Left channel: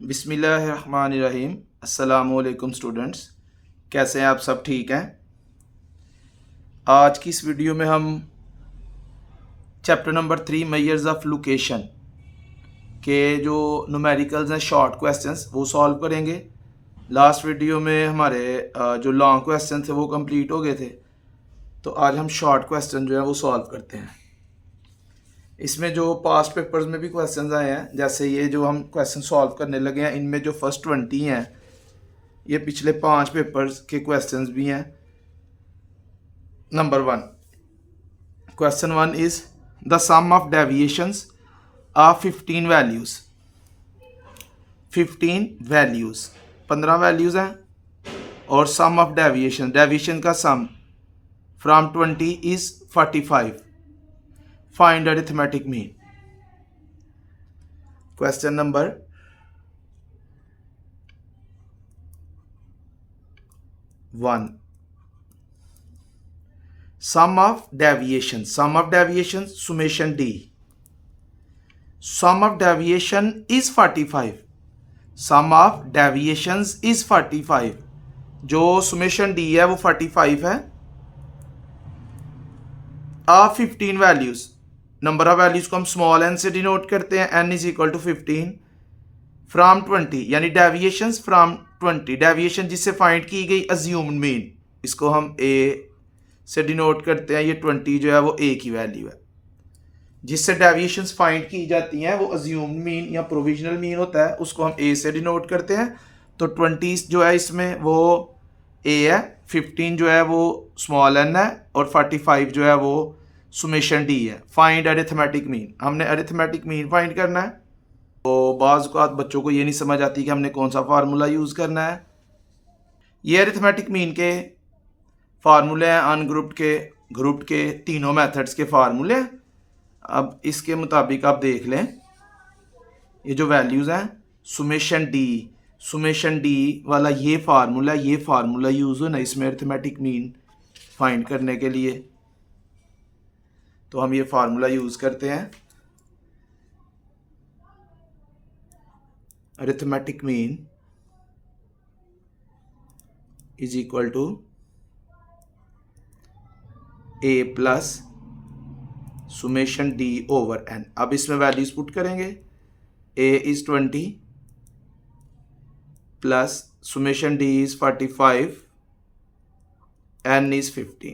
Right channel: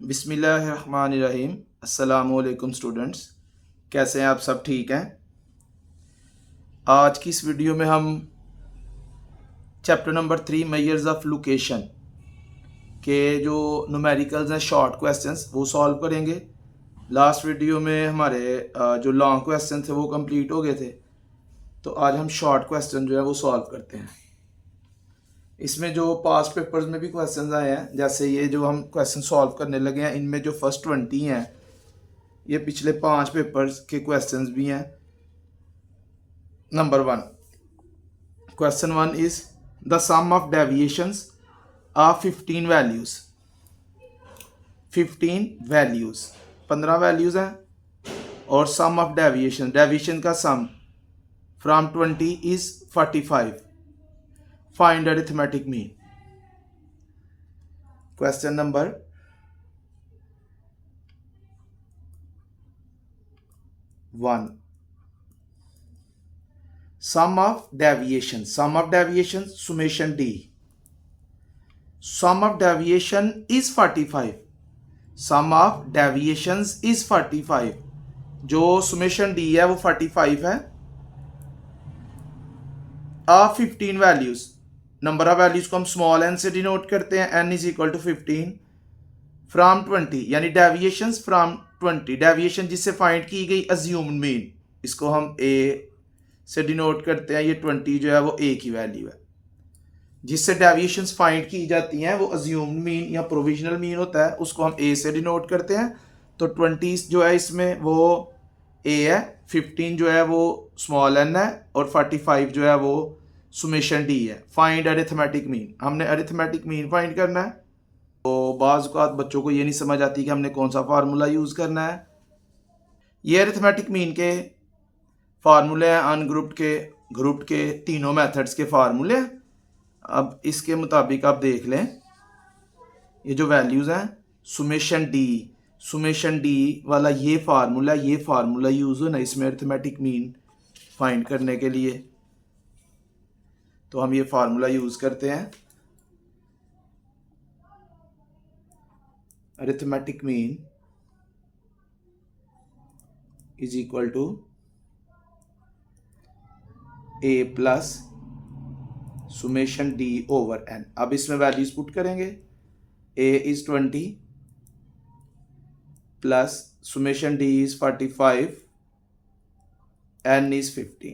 बिस्मिल्लाहिर्रहमानिर्रहीम। अस्सलामुअलैकुम स्टूडेंट्स, कैसे हैं आप? सब ठीक हैं? आज की इस वीडियो में हम chapter number 3 measures of location के जो न्यूमेरिकल्स हैं, शॉर्ट क्वेश्चंस, वो सॉल्व करेंगे। लास्ट वीडियो में हमारे जो लॉन्ग क्वेश्चन थे वो कंप्लीट हो गए थे, तो आज हम शॉर्ट क्वेश्चन जो है वो सॉल्व करते हैं। इसमें जो पास्ट पेपर्स में भी क्वेश्चंस आए हैं, जैसे ये जो हम क्वेश्चन सॉल्व करने लगे हैं, इनमें जो फर्स्ट 20 हैं ये पिछले 5 पेपर्स के क्वेश्चंस भी हैं। Number 1, question 1 is the sum of deviations of 15 values. 15 values, 15 values हैं, और सम ऑफ डेविएशन, डेविएशन का sum from 20 is 45। Find arithmetic mean. Question number 1, sum of deviation, sum of deviation summation d, sum of deviation is 45, sum of deviations is 45, जो summation d है वो 45 है। Of 15 values, number of values को हम small n से denote करते हैं, n is equal to 15। From 20 यानी डेविएशंस फ्रॉम 20, डेविएशन जिससे फाइंड की गई अज्यूम्ड मीन, इसको हम a से डिनोट करते हैं। ये 20 जो है वो a की वैल्यू है। जिससे डेविएशंस फाइंड की जाती हैं वो अज्यूम्ड मीन या प्रोविजनल मीन होता है, उसको हम a से डिनोट करते हैं। तो 20 जो है इसमें वो a है, 15 जो है वो स्मॉल n है, और 45 जो है वो सुमेशन d है। फाइंड अरिथमेटिक मीन, हमने अरिथमेटिक मीन फाइंड करना है। तो बाज़ औक़ात बच्चों को ये नहीं समझ आती कि हमने कौन सा फार्मूला यूज़ करना है। ये अरिथमेटिक मीन के फार्मूले हैं, ग्रुप्ड के तीनों मेथड्स के फार्मूले हैं। अब इसके मुताबिक आप देख लें, ये जो वैल्यूज़ हैं, सुमेशन डी वाला ये फार्मूला यूज़ हो ना इसमें अरिथमेटिक मीन फाइंड करने के लिए। तो हम ये फार्मूला यूज़ करते हैं। Arithmetic mean is equal to a plus summation d over n। अब इसमें वैल्यूज पुट करेंगे। a is 20 plus summation d is 45, n is 15।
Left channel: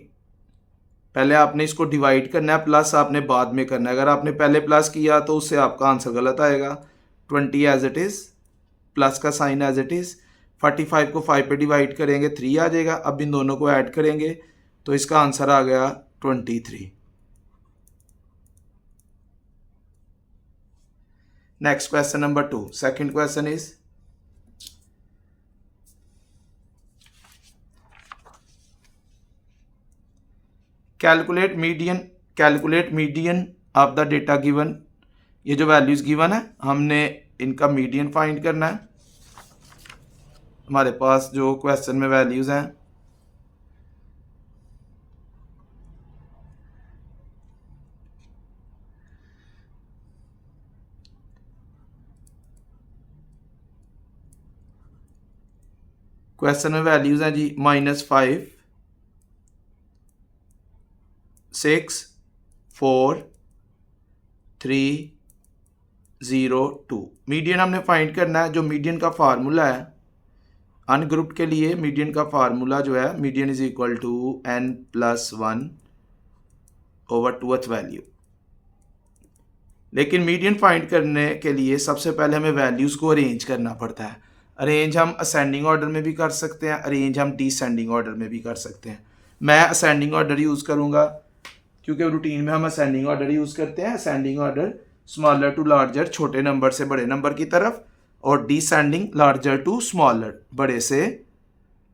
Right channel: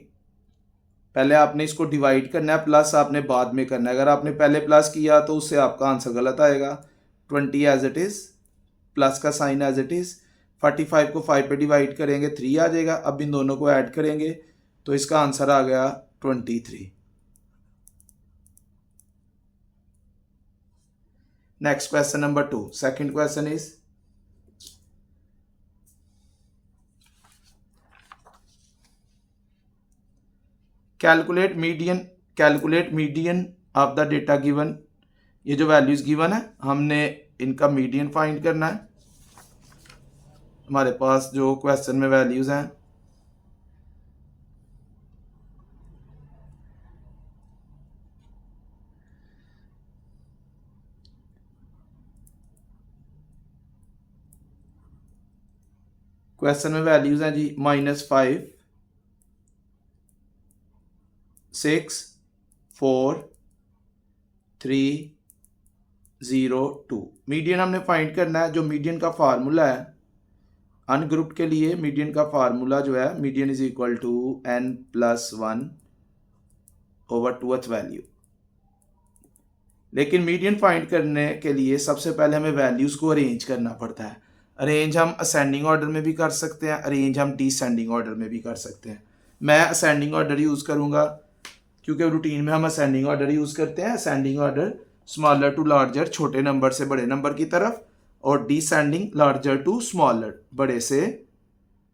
पहले आपने इसको डिवाइड करना है, प्लस आपने बाद में करना है। अगर आपने पहले प्लस किया तो उससे आपका आंसर गलत आएगा। 20 एज इट इज़, प्लस का साइन एज इट इज़, 45 को 5 पे डिवाइड करेंगे 3 आ जाएगा। अब इन दोनों को ऐड करेंगे तो इसका आंसर आ गया 23। Next question number 2, second question is calculate median of the data given. ये जो वैल्यूज गिवन है हमने इनका मीडियन फाइंड करना है। हमारे पास जो क्वेश्चन में वैल्यूज हैं, क्वेश्चन में वैल्यूज हैं जी -5, 6, 4, 3, 0, 2। मीडियन हमने फाइंड करना है। जो मीडियन का फार्मूला है अनग्रुप के लिए, मीडियन का फार्मूला जो है, median is equal to n+1 over 2th value. लेकिन मीडियन फाइंड करने के लिए सबसे पहले हमें वैल्यूज़ को अरेंज करना पड़ता है। अरेंज हम असेंडिंग ऑर्डर में भी कर सकते हैं, अरेंज हम डिसेंडिंग ऑर्डर में भी कर सकते हैं। मैं असेंडिंग ऑर्डर यूज़ करूँगा क्योंकि रूटीन में हम असेंडिंग ऑर्डर यूज़ करते हैं। Ascending order smaller to larger, छोटे नंबर से बड़े नंबर की तरफ, और डिसेंडिंग लार्जर टू स्मॉलर, बड़े से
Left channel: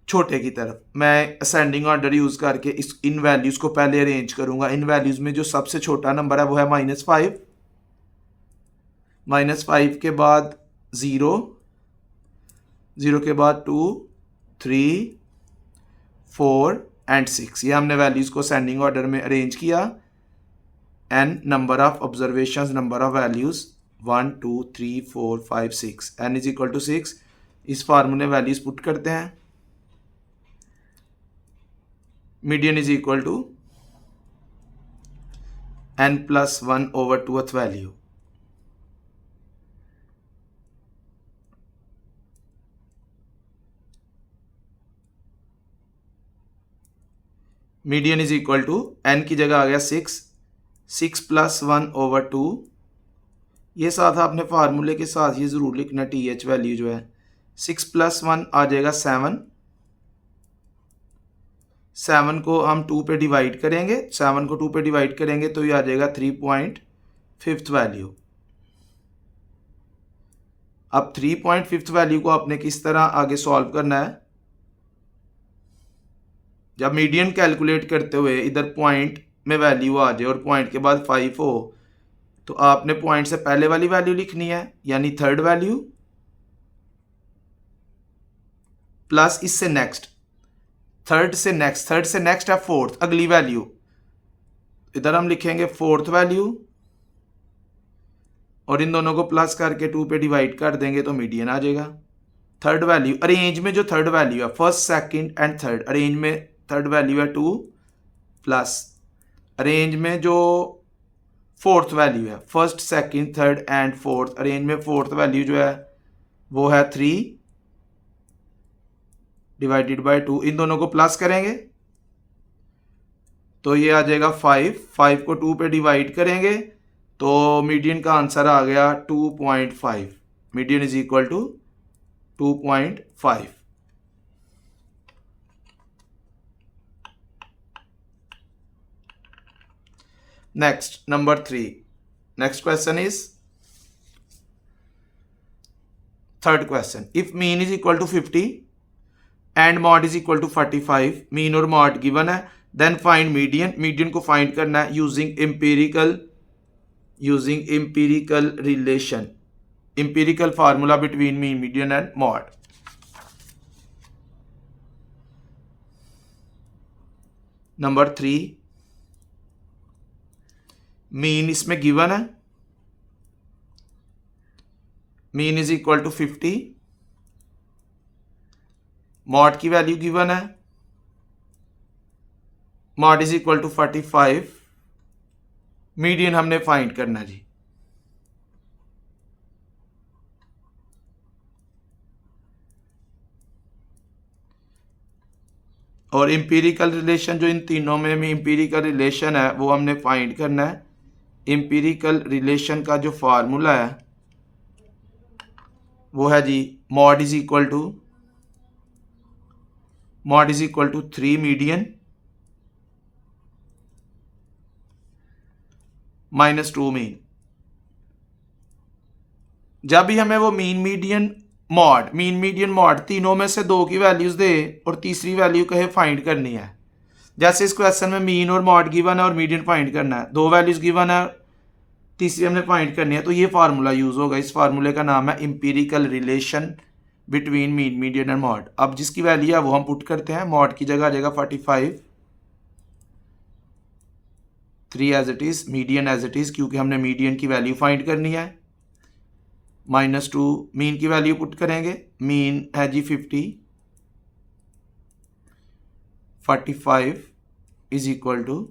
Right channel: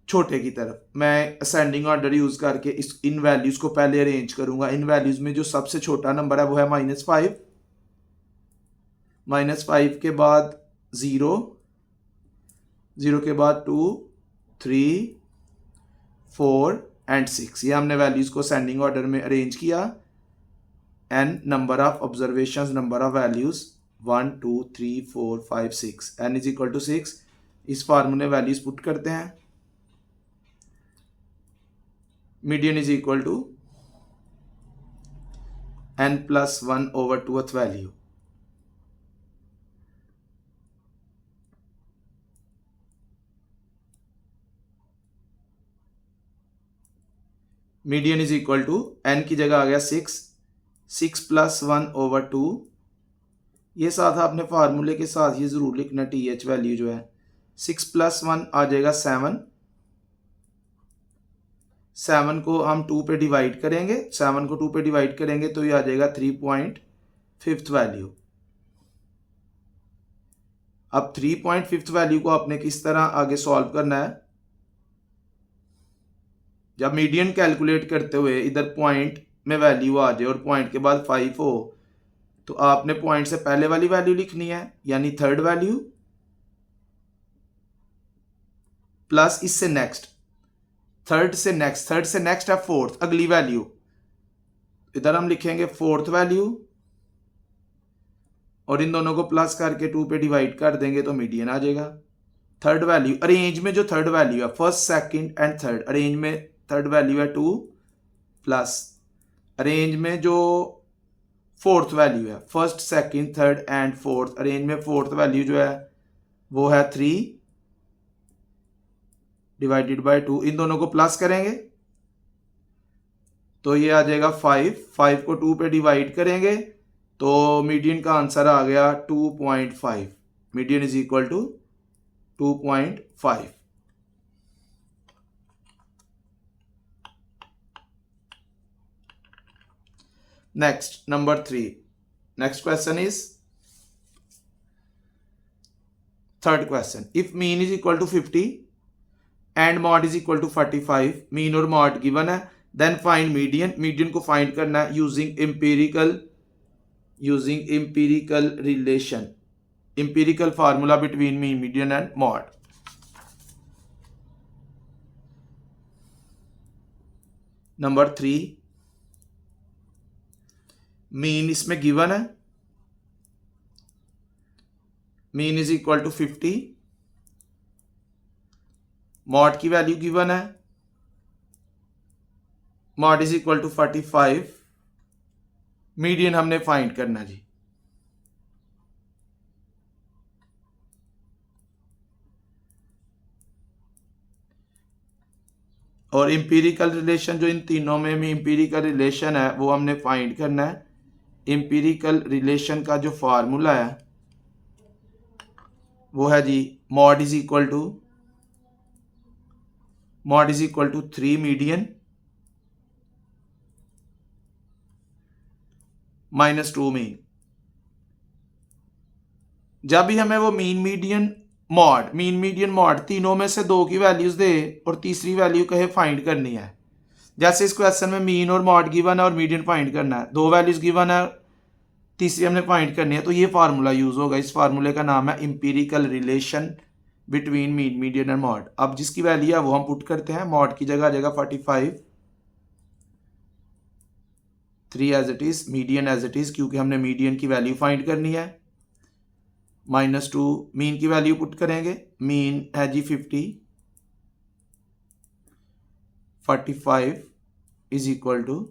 छोटे की तरफ। मैं असेंडिंग ऑर्डर यूज़ करके इन वैल्यूज़ को पहले अरेंज करूँगा। इन वैल्यूज़ में जो सबसे छोटा नंबर है वो है -5, -5 के बाद 0, 0 के बाद 2, 3, 4 एंड 6। ये हमने वैल्यूज़ को असेंडिंग ऑर्डर में अरेंज किया। n number of observations, number of values 1 2 3 4 5 6 n is equal to 6। इस फार्मूले वैल्यूज पुट करते हैं। Median is equal to n plus 1 over 2th value. Median is equal to n की जगह आ गया 6 प्लस 1 ओवर 2। ये साथ आपने फार्मूले के साथ ये ज़रूर लिखना टी एच वैल्यू जो है 6 प्लस 1 आ जाएगा 7। 7 को हम 2 पे डिवाइड करेंगे, 7 को 2 पे डिवाइड करेंगे तो ये आ जाएगा 3.5 वैल्यू। अब 3.5 वैल्यू को आपने किस तरह आगे सॉल्व करना है। जब मीडियन कैलकुलेट करते हुए इधर पॉइंट में वैल्यू आ जाए और पॉइंट के बाद 5 हो तो आपने पॉइंट से पहले वाली वैल्यू लिखनी है यानी थर्ड वैल्यू प्लस इससे नेक्स्ट, थर्ड से नेक्स्ट है फोर्थ, अगली वैल्यू। इधर हम लिखेंगे फोर्थ वैल्यू और इन दोनों को प्लस करके 2 पे डिवाइड कर देंगे तो मीडियन आ जाएगा। थर्ड वैल्यू अरेंज में जो थर्ड वैल्यू है first second and third, arrange में थर्ड वैल्यू है 2 प्लस अरेंज में जो फोर्थ वैल्यू है first second third and fourth, arrange में फोर्थ वैल्यू जो है वो है 3 डिवाइडेड बाय 2। इन दोनों को प्लस करेंगे तो ये आ जाएगा 5 को 2 पे डिवाइड करेंगे तो मीडियन का आंसर आ गया 2.5। Median is equal to 2.5। Next number 3। Next question is third question. If mean is equal to 50 and mode is equal to 45, mean और मॉड गिवन है, देन फाइंड मीडियन। मीडियन को find करना है using empirical relation, empirical formula between mean median and mode. Number 3, mean इसमें given है, mean is equal to 50, mode की value given है, mode is equal to 45, median हमने find करना जी। और इंपीरिकल रिलेशन जो इन तीनों में इंपीरिकल रिलेशन है वो हमने फाइंड करना है। इंपीरिकल रिलेशन का जो फार्मूला है वो है जी mode is equal to 3 median minus 2 mean. जब भी हमें वो मीन मीडियन मॉड तीनों में से 2 की वैल्यूज दे और तीसरी वैल्यू कहे फाइंड करनी है, जैसे इस क्वेश्चन में मीन और मॉड गिवन है और मीडियन फाइंड करना है, 2 वैल्यूज गिवन है तीसरी हमने फाइंड करनी है, तो ये फार्मूला यूज होगा। इस फार्मूले का नाम है empirical relation between mean median and mod. अब जिसकी वैल्यू है वो हम पुट करते हैं। मॉड की जगह आ जाएगा 45, 3 as it is, median as it is क्योंकि हमने मीडियन की वैल्यू फाइंड करनी है, -2 मीन की वैल्यू पुट करेंगे। मीन है जी 50, 45 इज इक्वल टू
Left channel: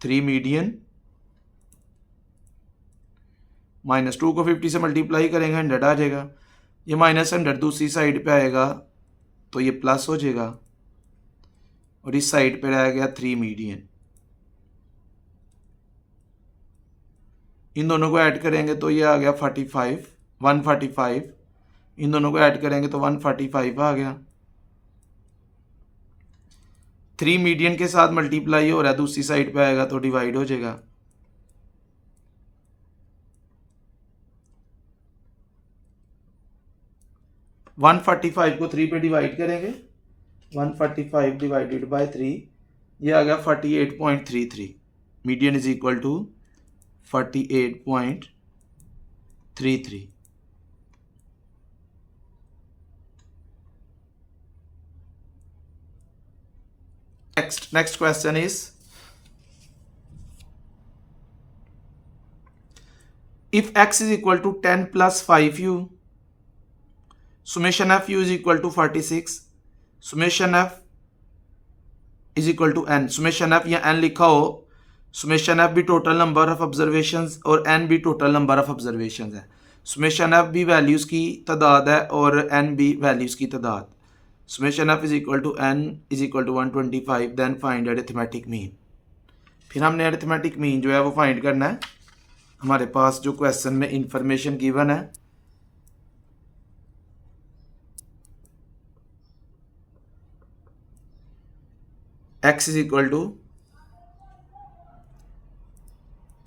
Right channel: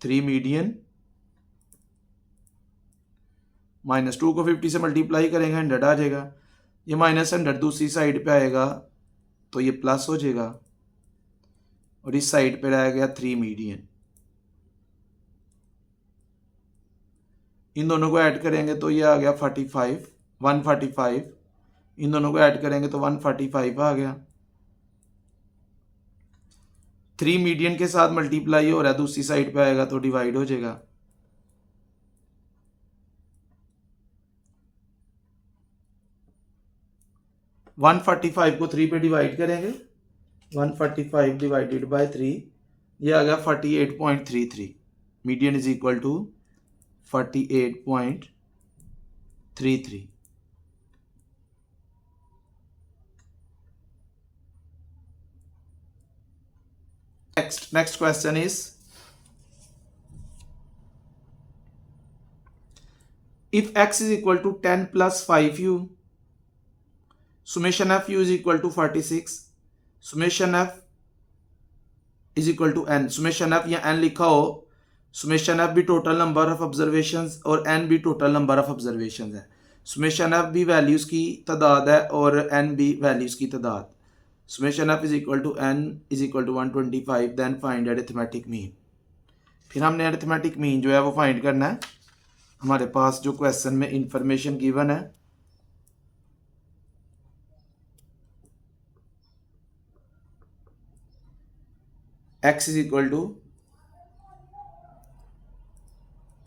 3 मीडियन, -2 को 50 से मल्टीप्लाई करेंगे 100 आ जाएगा। ये -100 दूसरी साइड पे आएगा तो ये प्लस हो जाएगा और इस साइड पे रह गया 3 मीडियन। इन दोनों को ऐड करेंगे तो ये आ गया 45, 145। इन दोनों को ऐड करेंगे तो 145 आ गया। 3 मीडियन के साथ मल्टीप्लाई हो रहा है, दूसरी साइड पे आएगा तो डिवाइड हो जाएगा। वन 145 को 3 पे डिवाइड करेंगे, 145 डिवाइडेड बाय 3, ये आ गया 48.33। Median is equal to 48.33। Next question is if x is equal to 10 plus 5u, summation f u is equal to 46, summation f is equal to n, summation f या n लिखा हो, summation f भी total number of observations और n भी total number of observations है, summation f भी values की तादाद है और n भी वैल्यूज़ की तादाद, summation f is equal to n is equal to 125, then find arithmetic mean। फिर हमने अरिथमेटिक मीन जो है वो फाइंड करना है। हमारे पास जो क्वेश्चन में इंफॉर्मेशन गिवन है, x is equal to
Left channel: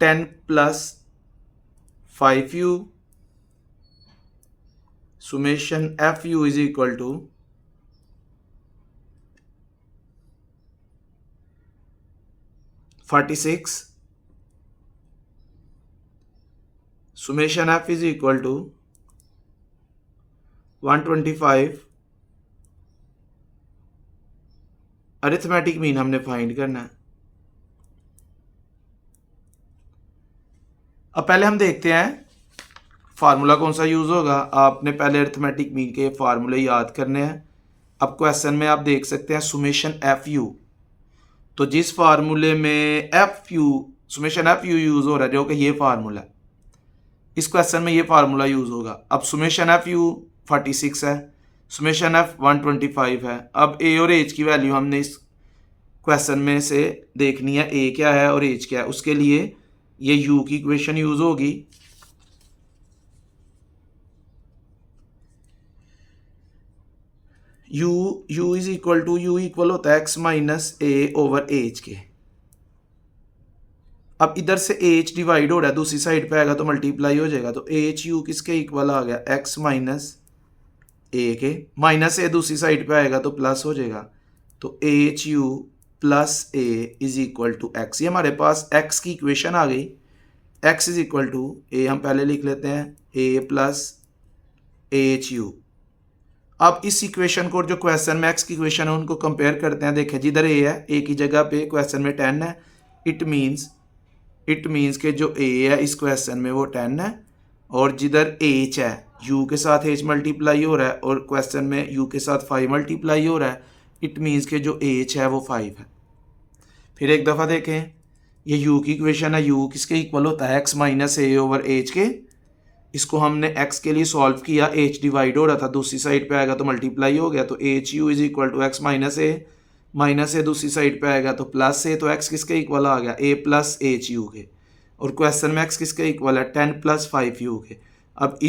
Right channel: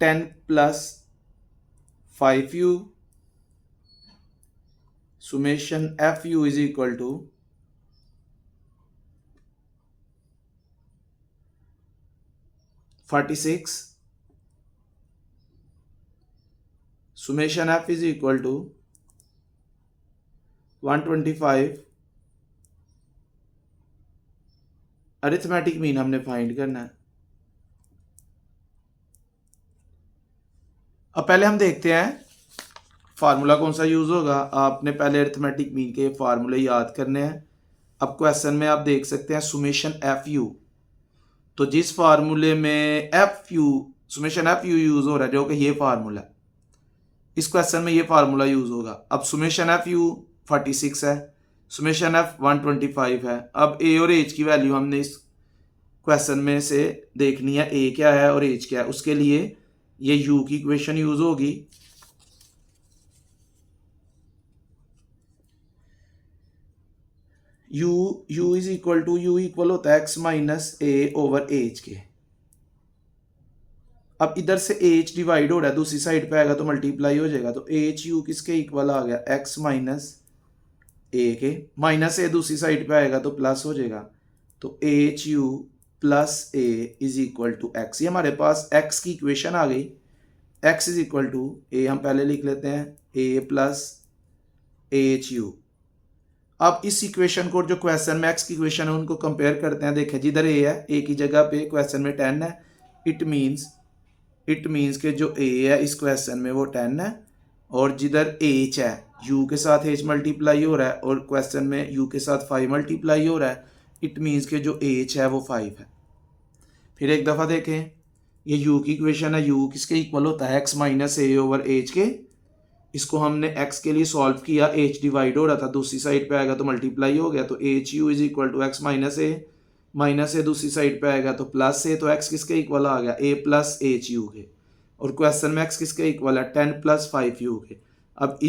10 plus 5u, सुमेशन fu is equal to 46, summation f is equal to 125, arithmetic mean हमने फाइंड करना है। अब पहले हम देखते हैं फार्मूला कौन सा यूज होगा। आपने पहले अरिथमेटिक मीन के फार्मूले याद करने हैं। अब क्वेश्चन में आप देख सकते हैं सुमेशन एफ यू, तो जिस फार्मूले में F you summation f you use हो रहा है जो कि ये फार्मूला है, इस क्वेश्चन में ये फार्मूला यूज होगा। अब सुमेशन एफ यू 46 है, सुमेशन एफ 125 है। अब ए और एच की वैल्यू हमने इस क्वेश्चन में से देखनी है, ए क्या है और एच क्या है। उसके लिए ये यू की इक्वेशन यूज होगी, U is equal to, U equal होता है X minus A over H के। अब इधर से एच डिवाइड हो रहा है, दूसरी साइड पे आएगा तो मल्टीप्लाई हो जाएगा, तो एच यू किसके इक्वल आ गया, एक्स माइनस ए के। माइनस ए दूसरी साइड पे आएगा तो प्लस हो जाएगा, तो H U plus A is equal to X. ये हमारे पास एक्स की इक्वेशन आ गई। X is equal to A हम पहले लिख लेते हैं, ए प्लस एच यू। अब इस इक्वेशन को जो क्वेश्चन में एक्स की इक्वेशन है उनको कंपेयर करते हैं। देखें जिधर ए है, ए की जगह पे क्वेश्चन में 10 है, इट मीन्स के जो ए है इस क्वेश्चन में वो 10 है, और जिधर एच है, यू के साथ एच मल्टीप्लाई हो रहा है और क्वेश्चन में यू के साथ 5 मल्टीप्लाई हो रहा है, इट मीन्स के जो एच है वो 5 है। फिर एक दफ़ा देखें, ये यू की इक्वेशन है, यू किसके इक्वल होता है, X minus A over H के। इसको हमने x के लिए सॉल्व किया, h डिवाइड हो रहा था, दूसरी साइड पे आएगा तो मल्टीप्लाई हो गया, तो H u is equal to x minus a दूसरी साइड पे आएगा तो प्लस ए, तो x किसके इक्वल आ गया, a प्लस एच यू के। और क्वेश्चन में x किसके इक्वल है, 10 प्लस 5 यू के। अब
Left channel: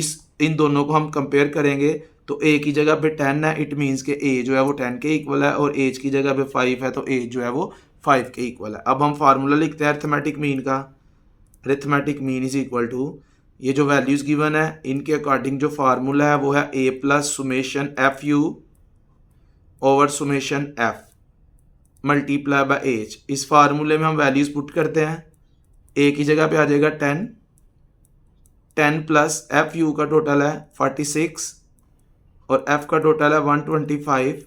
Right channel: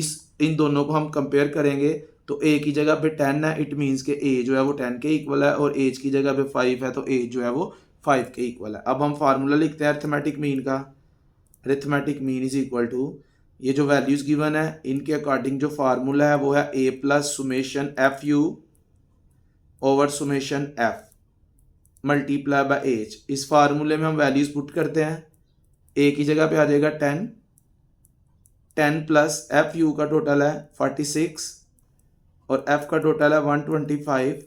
इन दोनों को हम कंपेयर करेंगे तो a की जगह पे 10 है, इट मीन्स के a जो है वो 10 के इक्वल है, और h की जगह पे 5 है तो a जो है वो 5 के इक्वल है। अब हम फार्मूला लिखते हैं अरिथमेटिक मीन का। Arithmetic mean is equal to, ये जो वैल्यूज़ गिवन है इनके अकॉर्डिंग जो फार्मूला है वो है a plus summation f u over summation f multiply by h. इस फार्मूले में हम वैल्यूज़ पुट करते हैं, ए की जगह पे आ जाएगा 10 प्लस एफ यू का टोटल है 46 और एफ का टोटल है 125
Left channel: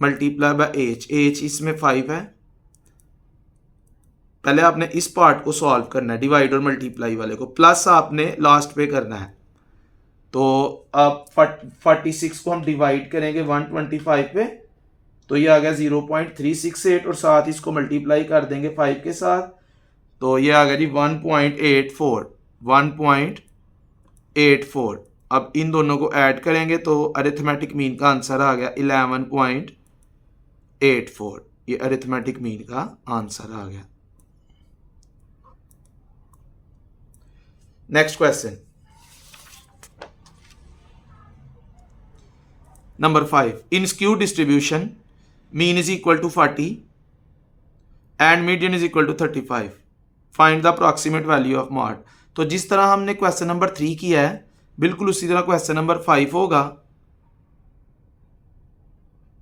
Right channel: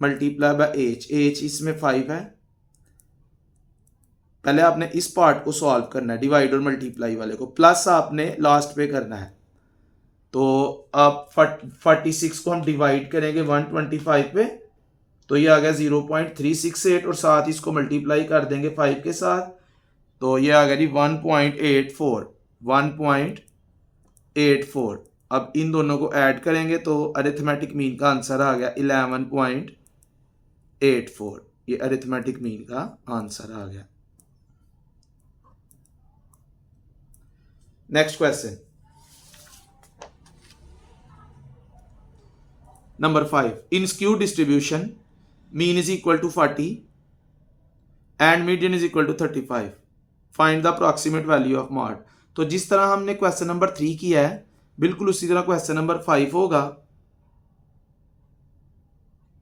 मल्टीप्लाई बाय एच इसमें 5 है। पहले आपने इस पार्ट को सॉल्व करना है, डिवाइड और मल्टीप्लाई वाले को, प्लस आपने लास्ट पे करना है। तो अब 46 को हम डिवाइड करेंगे 125 पे, तो ये आ गया 0.368 और साथ इसको मल्टीप्लाई कर देंगे 5 के साथ, तो ये आ गया जी 1.84। अब इन दोनों को ऐड करेंगे तो अरिथमेटिक मीन का आंसर आ गया 11.84। ये अरिथमेटिक मीन का आंसर आ गया। Next question number 5, in skew distribution mean is equal to 40 and median is equal to 35, find the approximate value of mode. तो जिस तरह हमने क्वेश्चन नंबर 3 किया है बिल्कुल उसी तरह क्वेश्चन नंबर 5 होगा।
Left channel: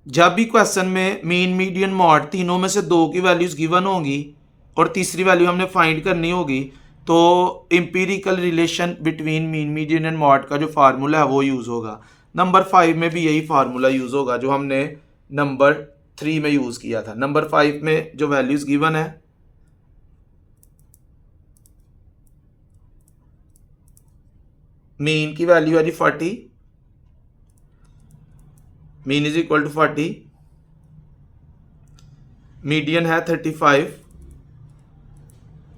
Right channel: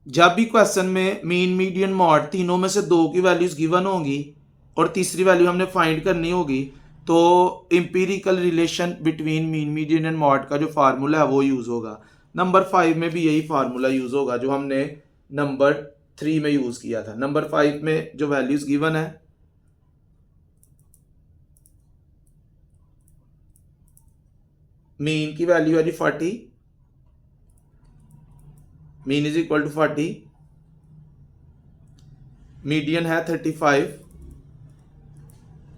जब भी क्वेश्चन में मीन मीडियन मॉड तीनों में से 2 की वैल्यूज गिवन होंगी और तीसरी वैल्यू हमने फाइंड करनी होगी, तो empirical relation between mean median and mod का जो फार्मूला है वो यूज़ होगा। नंबर 5 में भी यही फार्मूला यूज़ होगा जो हमने नंबर 3 में यूज़ किया था। नंबर 5 में जो वैल्यूज़ गिवन है, मीन की वैल्यू है जी 40, mean is equal to 40, median है 35,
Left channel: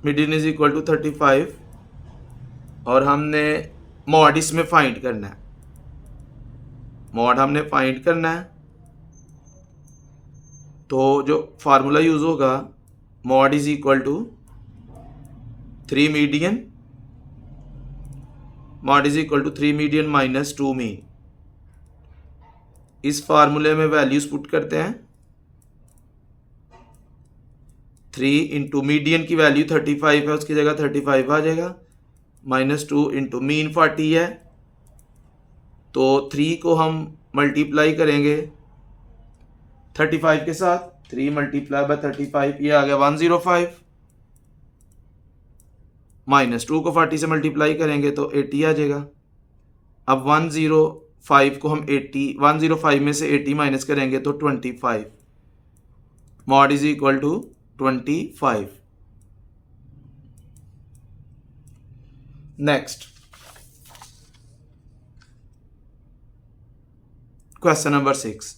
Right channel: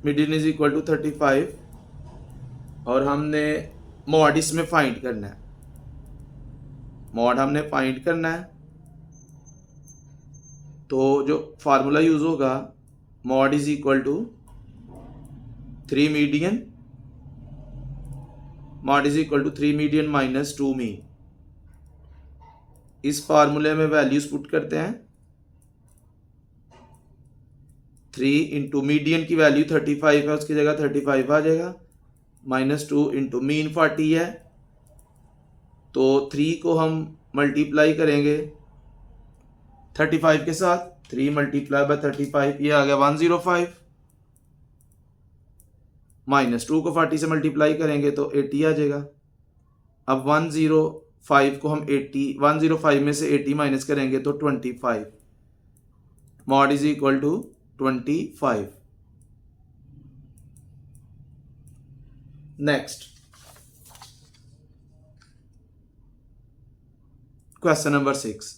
मीडियन इज इक्वल टू 35, और हमने मॉड इसमें फाइंड करना है, मॉड हमने फाइंड करना है। तो जो फार्मूला यूज होगा, mode is equal to 3 median, mode is equal to 3 median minus 2 mean. इस फार्मूले में वैल्यूज पुट करते हैं, 3 इंटू मीडियन की वैल्यू 35 है, उसकी जगह 35 आ जाएगा, माइनस 2 इंटू मीन 40 है, तो 3 को हम मल्टीप्लाई करेंगे 35 के साथ, 3 मल्टीप्लाई बाय 35, ये आ गया 105, माइनस 2 को 40 से मल्टीप्लाई करेंगे तो 80 आ जाएगा। अब 105 को हम 80, 105 में से 80 माइनस करेंगे तो 25, mode is equal to 25। Next question number 6,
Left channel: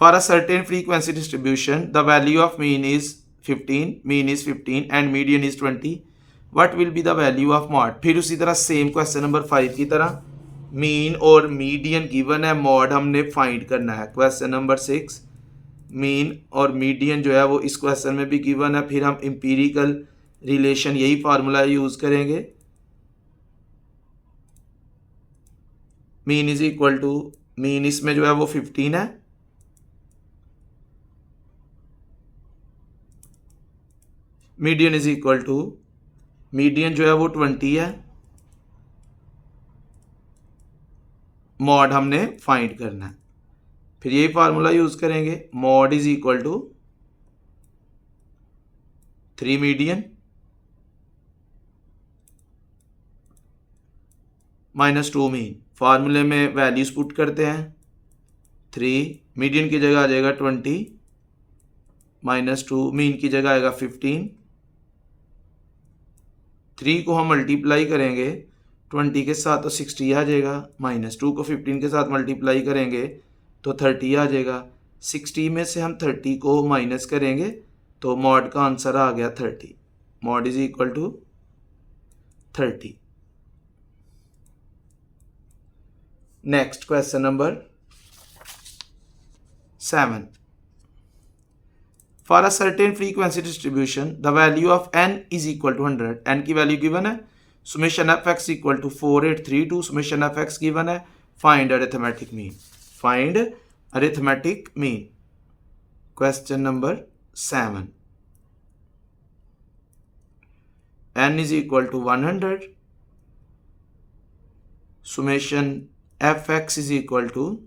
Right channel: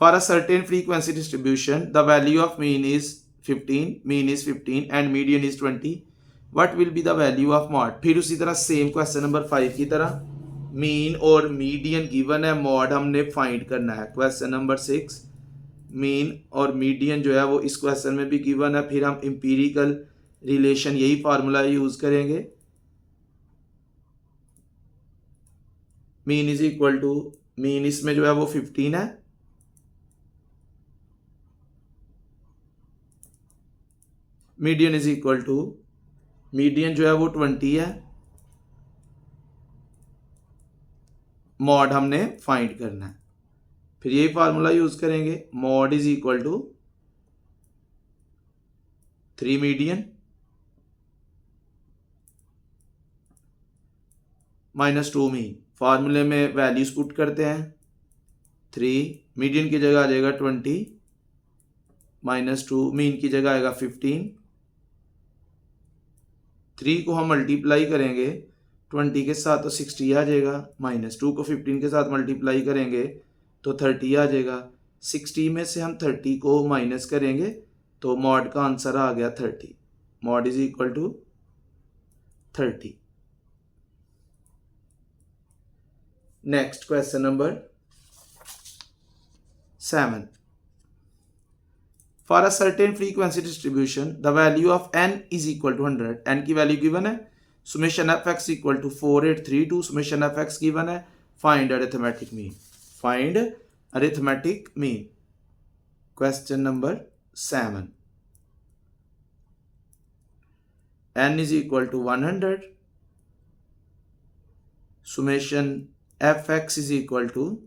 for a certain frequency distribution the value of mean is 15, mean is 15 and median is 20, what will be the value of mod। फिर उसी तरह सेम क्वेश्चन नंबर 5 की तरह mean और median given है, mod हमने find करना है। क्वेश्चन नंबर 6 मीन और मीडियन जो है वो इस क्वेश्चन में भी गिवन है, फिर हम इंपीरिकल रिलेशन यही फार्मूला यूज करेंगे, mean is equal to, mean इसमें जो है वो 15 है, median is equal to, median जो है वो 20 है, मॉड हमने फाइंड करना है, फिर यही फार्मूला यूज करेंगे, mode is equal to 3 median minus 2 mean. फार्मूले में वैल्यूज पुट करते हैं, 3 मीडियन की जगह आ जाएगा 20, माइनस 2 मीन की जगह आएगा 15, 3 को हम मल्टीप्लाई करेंगे 20 के साथ तो 60 आ जाएगा, माइनस 2 को 15 के साथ मल्टीप्लाई करेंगे तो 30 आ जाएगा, 60 में से हम 30 को माइनस करेंगे तो मॉड का आंसर आ गया 30, mode is equal to 30। Next question number 7, for a certain frequency distribution the value of n is equal to 100, n की वैल्यू गिवन है, summation fx equal to 4832, summation fx given है, find arithmetic mean, find arithmetic mean। question number 7, n is equal to 100, summation fx is equal to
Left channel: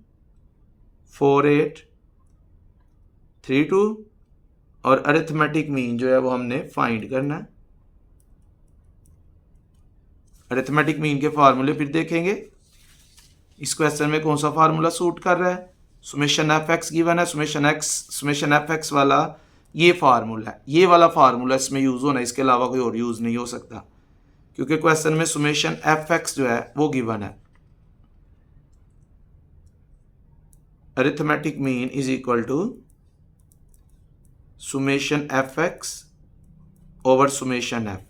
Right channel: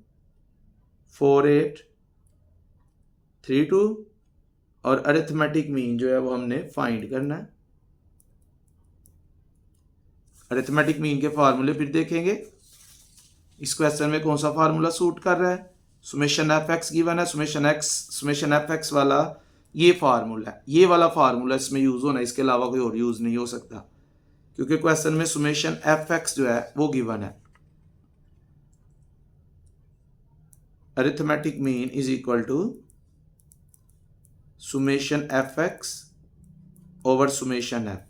4832, और arithmetic mean जो है वो हमने find करना है। अरिथमेटिक मीन के फार्मूले फिर देखेंगे, इस क्वेश्चन में कौन सा फार्मूला सूट कर रहा है, सुमेशन एफ एक्स गिवन है, सुमेशन एफ एक्स वाला ये फार्मूला है, ये वाला फार्मूला इसमें यूज होना है, इसके अलावा कोई और यूज नहीं हो सकता, क्योंकि क्वेश्चन में सुमेशन एफ एक्स जो है वो गिवन है। Arithmetic mean is equal to summation f x over summation f.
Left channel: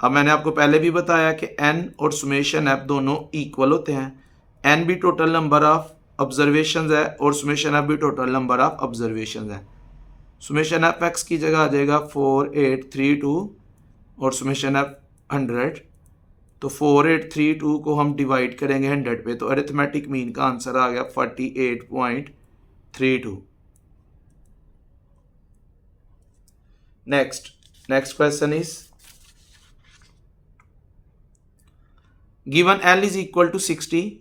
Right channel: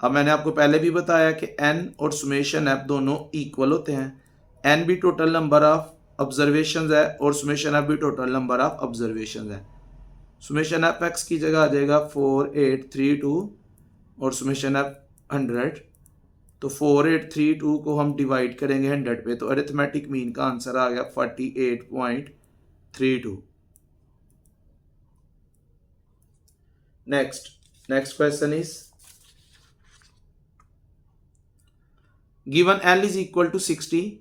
अब मैंने आपको पहले भी बताया कि एन और सुमेशन एफ दोनों इक्वल होते हैं, एन भी टोटल नंबर ऑफ ऑब्जर्वेशंस है और सुमेशन एफ भी टोटल नंबर ऑफ ऑब्जर्वेशंस है। सुमेशन एफ एक्स की जगह आ जाएगा 4832 और सुमेशन एफ 100, तो 4832 को हम डिवाइड करेंगे 100 पे, तो अरिथमेटिक मीन का आंसर आ गया 48.32। Next question is given L is equal to 60,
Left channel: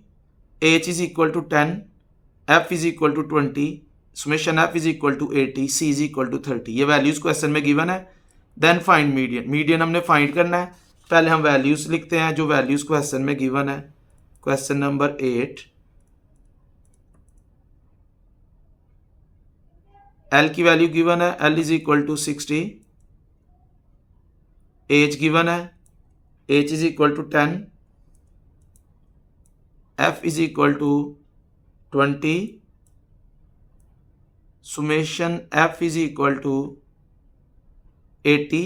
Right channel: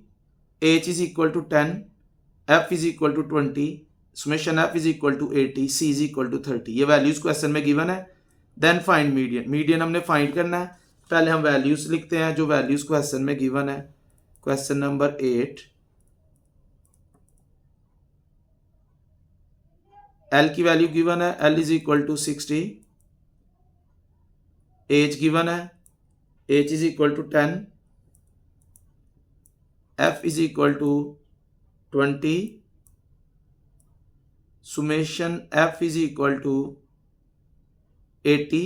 H is equal to 10, F is equal to 20, summation F is equal to 80, C is equal to 30। ये वैल्यूज क्वेश्चन में given है। Then find median, median हमने find करना है। पहले हम values लिखते हैं जो वैल्यूज क्वेश्चन में गिवन है। क्वेश्चन नंबर 8, L की वैल्यू गिवन है, L is equal to 60, H given है, H is equal to 10, f is equal to 20, summation f is equal to 80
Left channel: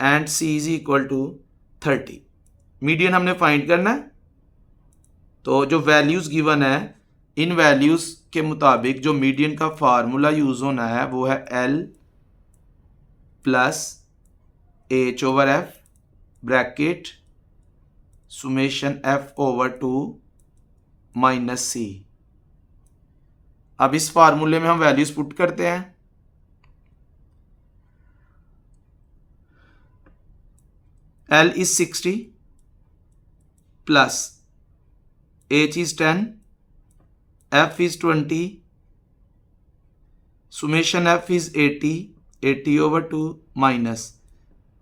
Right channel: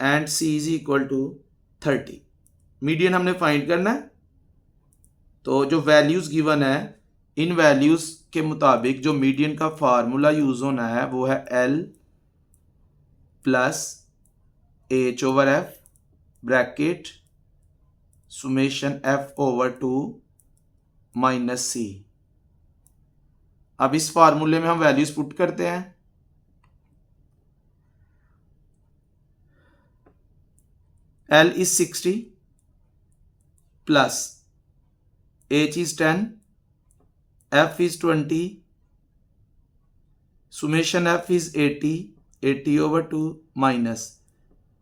and c is equal to 30। Median हमने find करना है। तो जो values given है, इन values के मुताबिक जो मीडियन का फार्मूला यूज होना है वो है L plus H over F bracket summation F over 2 minus C। अब इस फार्मूले में हम वैल्यूज पुट करते हैं। L is 60 plus H is 10, F is 20, summation F is 80 over 2 minus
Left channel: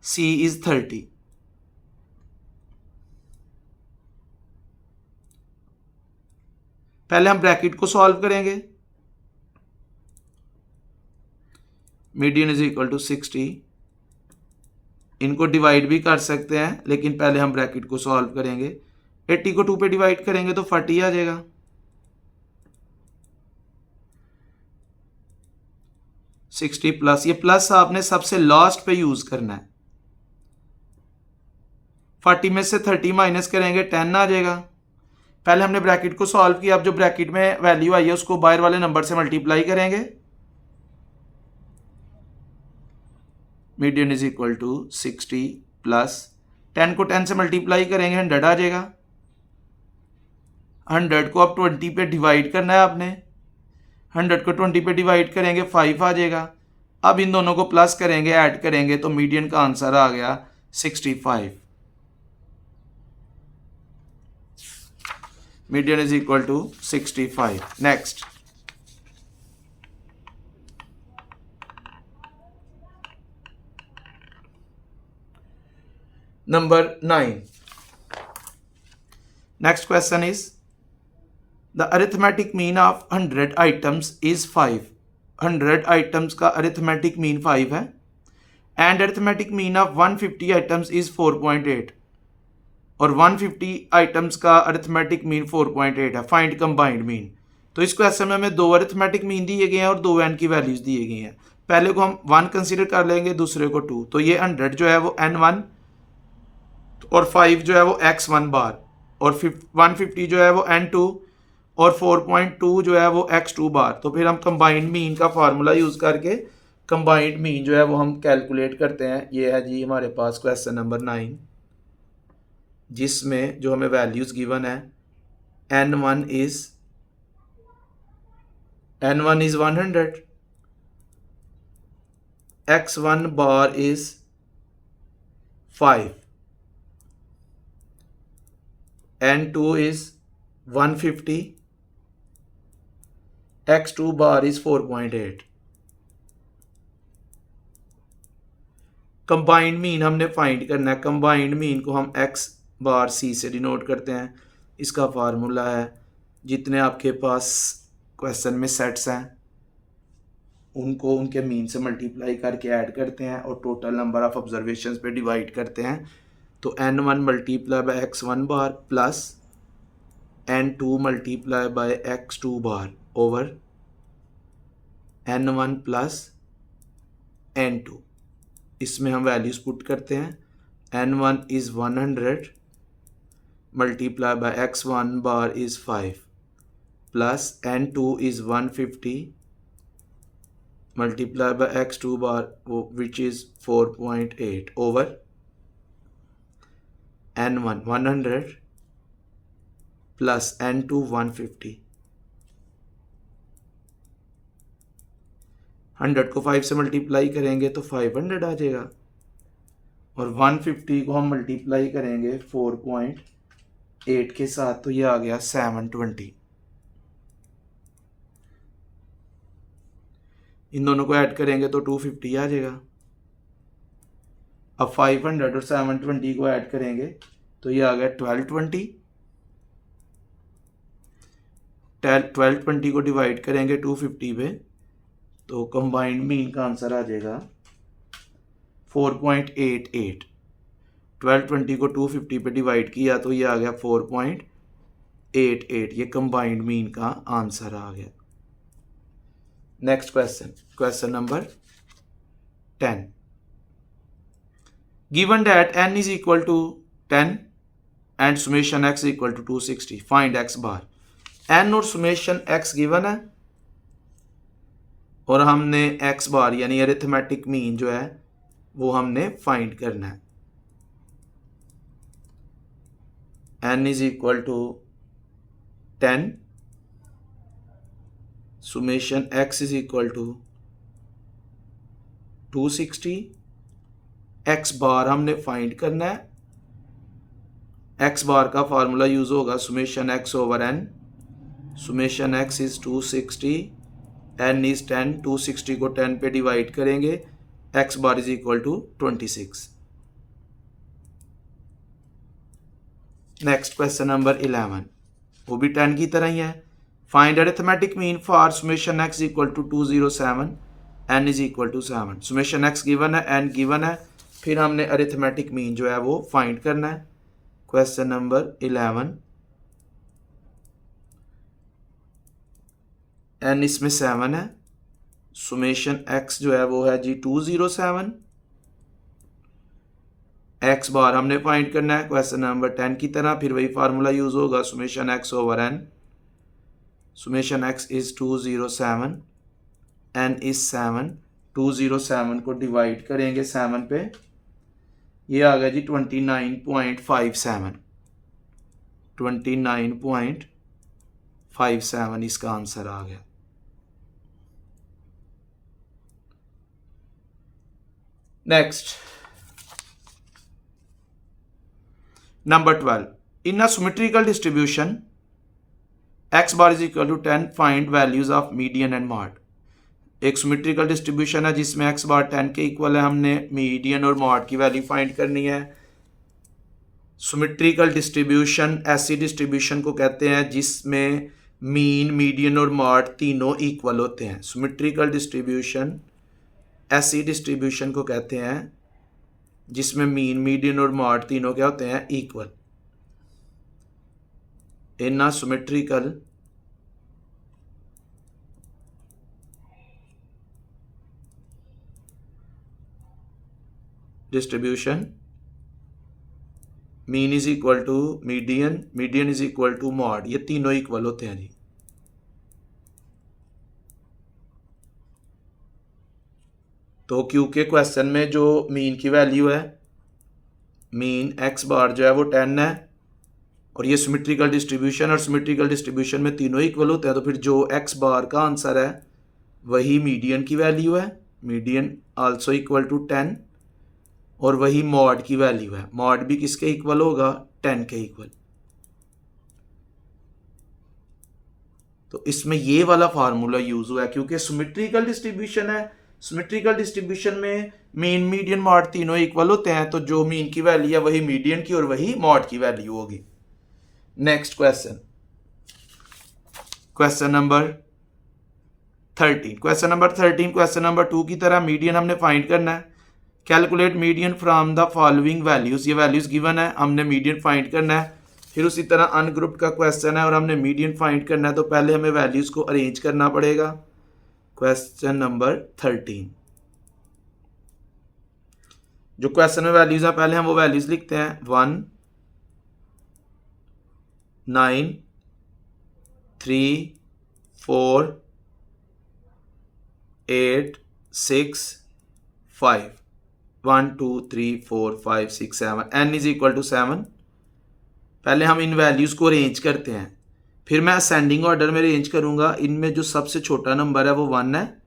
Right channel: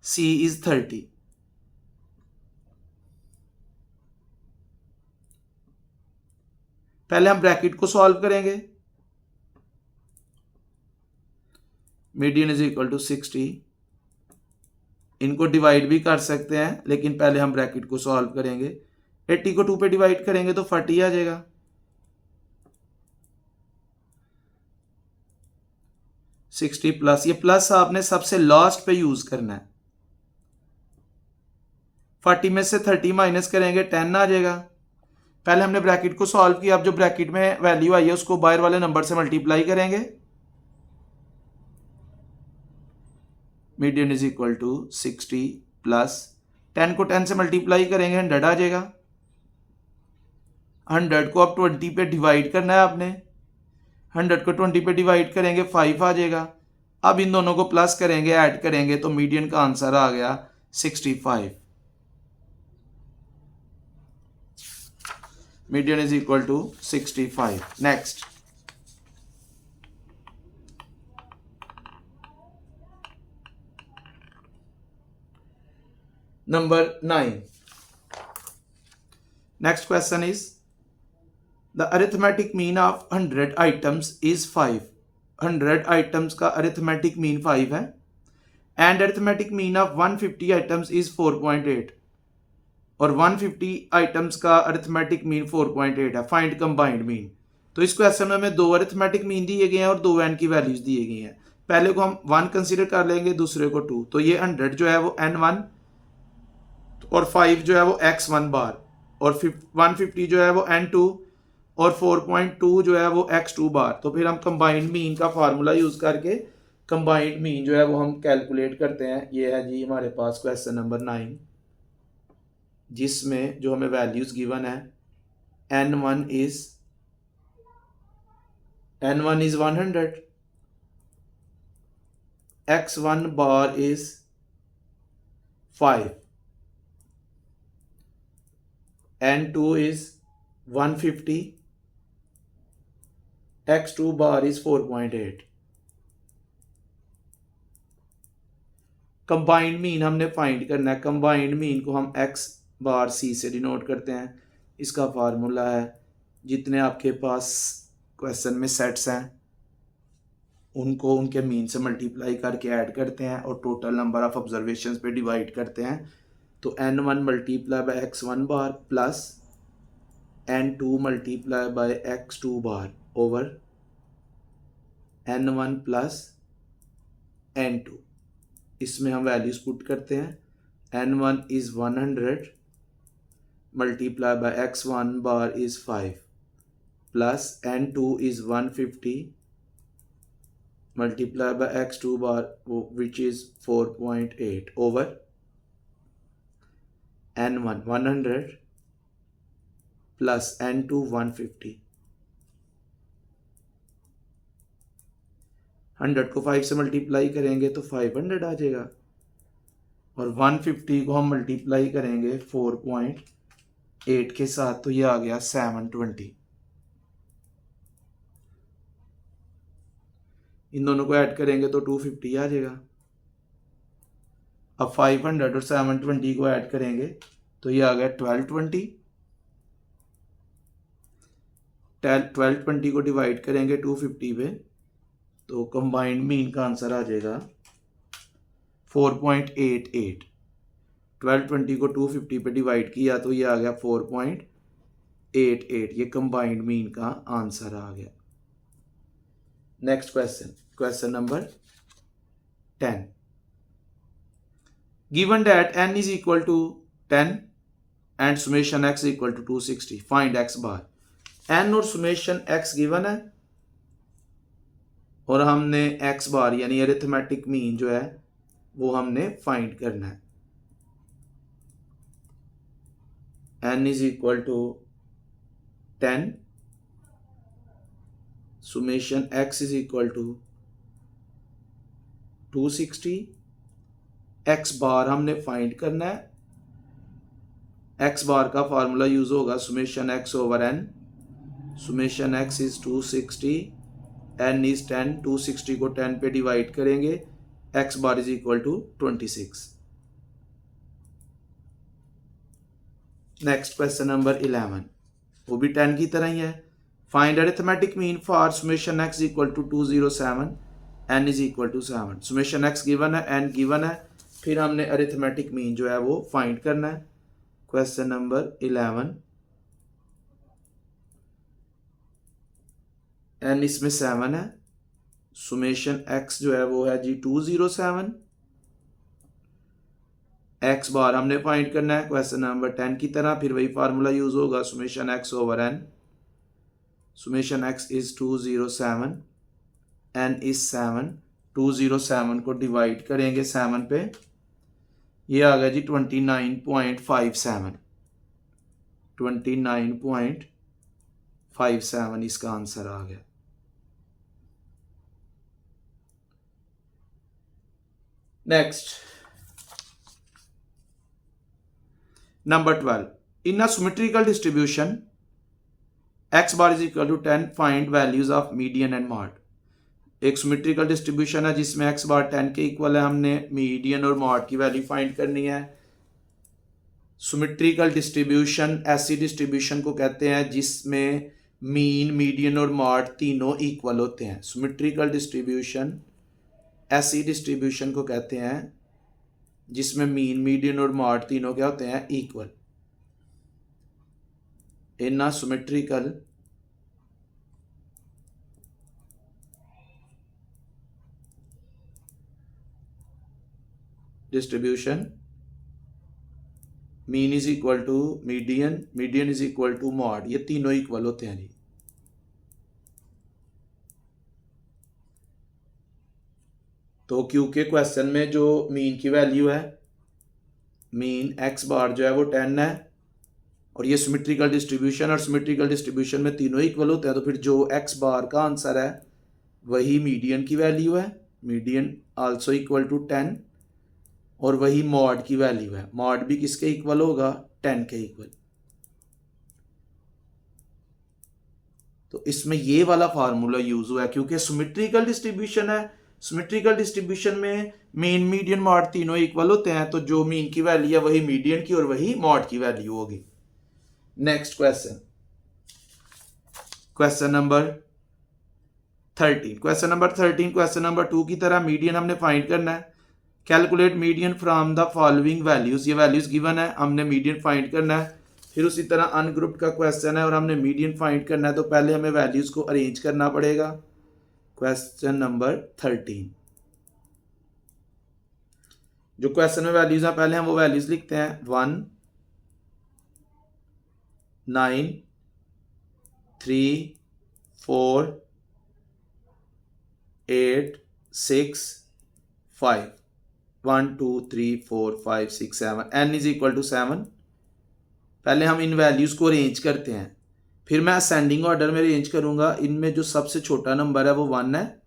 C is 30। पहले हम ब्रैकेट को सॉल्व करेंगे। मीडियन इज इक्वल टू 60, इनको डिवाइड भी कर सकते हैं लेकिन पहले हम ब्रैकेट को सॉल्व करेंगे। 80 को 2 पे डिवाइड करेंगे तो 40 आ जाएगा। सिक्सटी प्लस, ये प्लस आपने सबसे लास्ट पे यूज करना है। 40 में से 30 माइनस करेंगे 10 आ जाएगा। पहले हमने ब्रैकेट को सॉल्व किया, अब जो ब्रैकेट में वैल्यू आई है उसको बाहर वाले नंबर से मल्टीप्लाई करेंगे। Median is equal to 60 plus 10 को 10 से मल्टीप्लाई करेंगे 100 आ जाएगा। 100 को अब 20 पे डिवाइड करना है आपने। 100 को 20 पे डिवाइड करेंगे 5 आ जाएगा। अब इन दोनों को प्लस करेंगे, ऐड करेंगे तो मीडियन का आंसर आ गया 65। Median is equal to 65। Next, number 9. Next question is, the arithmetic mean of 100 items is 5। 100 items का arithmetic mean 5 है and arithmetic mean of 150 items is 4.8 और 150 items का arithmetic mean 4.8 है। Find combined mean. तो इस question में हमें 2 arithmetic mean दिए गए हैं और 2 n की वैल्यूज दिए गई हैं। पहले को हम 1 कंसीडर कर लेंगे, दूसरे को 2। तो ये 100 जो है वो n1 और 5 जो है वो x1 बार और 150 जो है वो n2 और 4.2 जो है वो x2 बार। तो फिर हम कंबाइंड मीन का फार्मूला यूज करके कंबाइंड मीन जो है वो हम कैलकुलेट करते हैं। ये है जी हमारे पास क्वेश्चन नंबर 9, जिसमें जो हमें वैल्यूज गिवन है n1 is 100, x1 bar is 5, n2 is 150, x2 bar is 4.8। Combined mean हमने फाइंड करना है। कंबाइंड मीन को हम x बार c से डिनोट करते हैं। इसका फार्मूला है, जितने आपके पास क्वेश्चन में सेट्स हैं उनको उनके मीन से मल्टीप्लाई करके ऐड करते हैं और टोटल नंबर ऑफ ऑब्जर्वेशंस पे डिवाइड करते हैं। तो n1 multiply by x1 bar plus n2 multiply by x2 bar over n1 plus n2। इसमें हम वैल्यूज पुट करते हैं। n1 is 100 multiply by x1 bar is 5 plus n2 is 150 multiply by x2 bar which is 4.8 over n1 100 plus n2 150। 100 को 5 से multiply करेंगे तो 500 आ जाएगा और 150 को हम मल्टीप्लाई करेंगे 4.8 के साथ तो ये आ गया 720। इन दोनों को ऐड करेंगे तो 250 आ जाएगा। अब 500 और 720 को ऐड करेंगे तो ये आ गया 1220। 1220 को डिवाइड करेंगे 250 पे तो कंबाइंड मीन का आंसर आ जाएगा 4.88। 1220 को 250 पे डिवाइड किया तो ये आ गया 4.88, ये कंबाइंड मीन का आंसर आ गया। Next question, question number 10। Given that n is equal to 10 and summation x equal to 260, find x bar. n और सुमेशन x गिवन है और हमने x बार यानी अरिथमेटिक मीन जो है वो हमने फाइंड करना है। n is equal to 10, summation x is equal to 260, x bar हमने फाइंड करना है। x बार का फार्मूला यूज होगा summation x over n, summation x is 260, n is 10, 260 को 10 पे डिवाइड करेंगे, x bar is equal to 26। Next question number 11, वो भी 10 की तरह ही है। Find arithmetic mean for summation x equal to 207, n is equal to 7। Summation x given है, n गिवन है, फिर हमने अरिथमेटिक मीन जो है वो फाइंड करना है। क्वेश्चन नंबर 11, n इसमें 7 है, सुमेशन x जो है वो है जी 207, x बार हमने फाइंड करना है क्वेश्चन नंबर 10 की तरह, फिर वही फार्मूला यूज होगा summation x over n, summation x is 207, n is 7, 207 को डिवाइड करेंगे 7 पे, ये आ गया जी 29.57, 29.57 इसका आंसर आ गया। Next number 12, in a symmetrical distribution x bar is equal to 10, find values of median and mode. एक सिमेट्रिकल डिस्ट्रीब्यूशन है जिसमें x बार 10 के इक्वल है, हमने मीडियन और मॉड की वैल्यू फाइंड करनी है। सिमेट्रिकल डिस्ट्रीब्यूशन ऐसी डिस्ट्रीब्यूशन को कहते हैं जिसमें मीन, मीडियन और मॉड तीनों इक्वल होते हैं। सिमेट्रिकल डिस्ट्रीब्यूशन ऐसी डिस्ट्रीब्यूशन को कहते हैं जिसमें मीन, मीडियन और मॉड तीनों क्या होते हैं, equal. In a symmetrical distribution mean is equal to median, median is equal to mode, ये तीनों इक्वल होते हैं जी। तो क्योंकि क्वेश्चन में जो मीन की वैल्यू है, मीन x बार जो है वो 10 है और ये सिमेट्रिकल डिस्ट्रीब्यूशन, और सिमेट्रिकल डिस्ट्रीब्यूशन में तीनों इक्वल होते हैं, तो फिर जो x बार का आंसर है वही मीडियन की वैल्यू है, मीडियन आल्सो इक्वल टू 10, और वही मॉड की वैल्यू है, मॉड भी किसके इक्वल होगा, 10 के इक्वल। तो इसमें ये वाला फार्मूला यूज हुआ है क्योंकि सिमेट्रिकल डिस्ट्रीब्यूशन है, सिमेट्रिकल डिस्ट्रीब्यूशन में मीन, मीडियन, मॉड तीनों इक्वल होते हैं, तो जो मीन की वैल्यू है वही मीडियन की और वही मॉड की वैल्यू होगी। Next question, question number 13, question number 13 question number 2 की तरह मीडियन हमने फाइंड करना है। Calculate median from the following values, ये वैल्यूज गिवन है, हमने मीडियन फाइंड करना है। फिर उसी तरह अनग्रुप्ड का क्वेश्चन है और हमने मीडियन फाइंड करना है, तो पहले हमें वैल्यूज को अरेंज करना पड़ेगा। क्वेश्चन नंबर 13, जो क्वेश्चन में वैल्यूज हैं पहले हम वो वैल्यूज लिखते हैं, 1, 9, 3, 4, 8, 6, 5, 1, 2, 3, 4, 5, 6, 7, n इज इक्वल टू 7। पहले हम इन वैल्यूज को अरेंज करते हैं, फिर मैं असेंडिंग ऑर्डर में अरेंज करूंगा। इनमें जो सबसे छोटा नंबर है वो 1 है,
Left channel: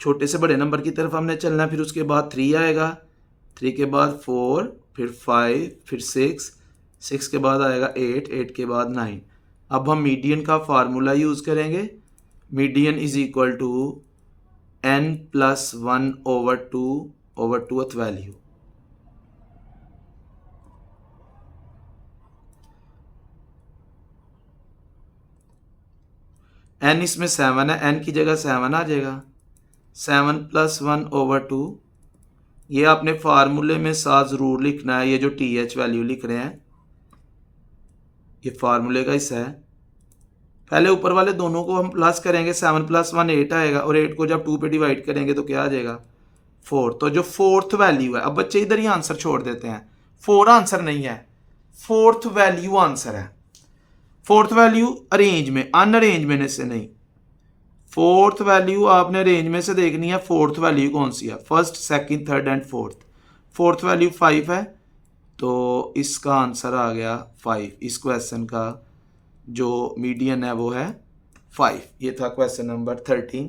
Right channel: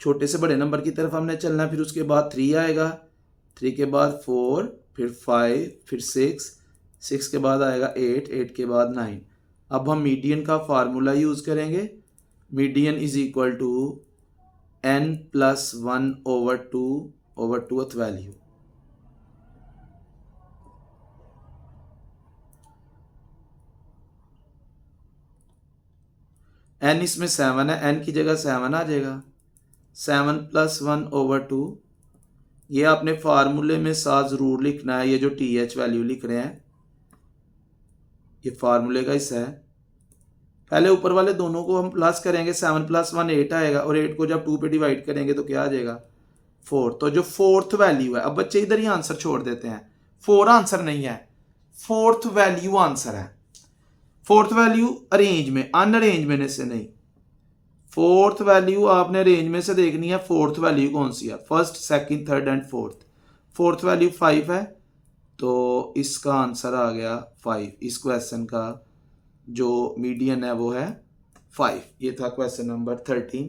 छोटे से बड़े नंबर की तरफ हमने चलना है। फिर उसके बाद 3 आएगा, 3 के बाद 4, फिर 5, फिर 6, 6 के बाद आएगा 8, 8 के बाद 9। अब हम मीडियन का फार्मूला यूज करेंगे। Median is equal to n plus 1 over 2th value. n इसमें 7 है, n की जगह 7 आ जाएगा, 7 प्लस 1 ओवर 2 ये आपने फार्मूले में साथ ज़रूर लिखना है। ये जो टी एच वैल्यू लिख रहे हैं ये फार्मूले का हिस्सा है। पहले ऊपर वाले दोनों को हम प्लस करेंगे, 7 + 1 8 आएगा और 8 को जब 2 पे डिवाइड करेंगे तो क्या आ जाएगा 4। तो जो फोर्थ वैल्यू है, अब बच्चे इधर ही आंसर छोड़ देते हैं, 4 आंसर नहीं है, फोर्थ वैल्यू आंसर है। फोर्थ वैल्यू अरेंज में, अनअरेंज में से नहीं। फोर्थ वैल्यू आपने अरेंज में से देखनी है। फोर्थ वैल्यू कौन सी है, first, second, third and fourth. Fourth value 5 है तो इसका आंसर आ गया 5। इस क्वेश्चन का जो मीडियन है वो है 5। ये था question number 13।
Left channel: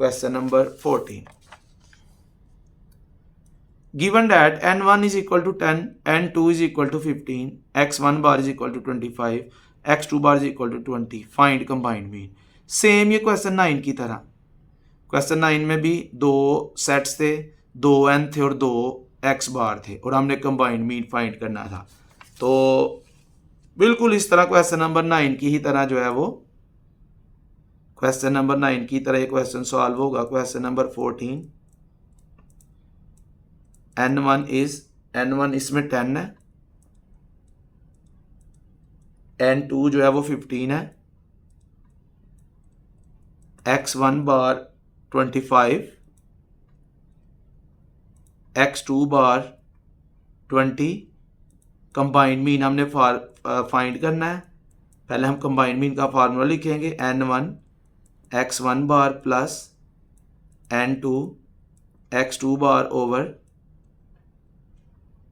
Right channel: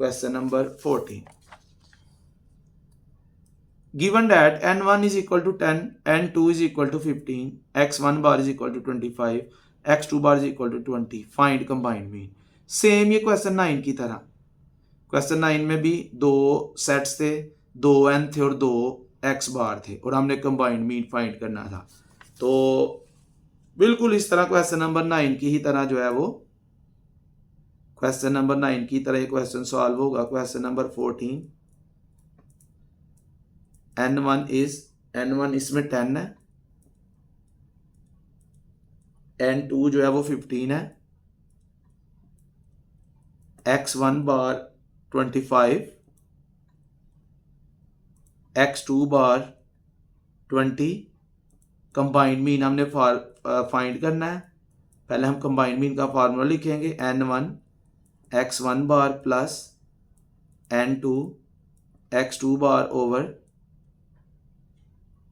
Question number 14, given that n1 is equal to 10, n2 is equal to 15, x1 bar is equal to 25, x2 bar is equal to 20, find combined mean. Same ये क्वेश्चन 9 की तरह। क्वेश्चन 9 में भी दो सेट्स थे, 2 n थे और 2 x बार थे और हमने कंबाइंड मीन फाइंड करना था। तो बिल्कुल इस तरह क्वेश्चन नंबर 9 की ही तरह जो है वो क्वेश्चन नंबर 9 की तरह क्वेश्चन सॉल्व होगा। क्वेश्चन नंबर 14, n1 इसमें 10 है, n2 जो है वो 15 है, x1 बार 25, x2 बार 20। कंबाइंड मीन हमने फाइंड करना है। पहले हम कंबाइंड मीन का फार्मूला लिखेंगे, n1 x1 bar plus n2 x2 bar over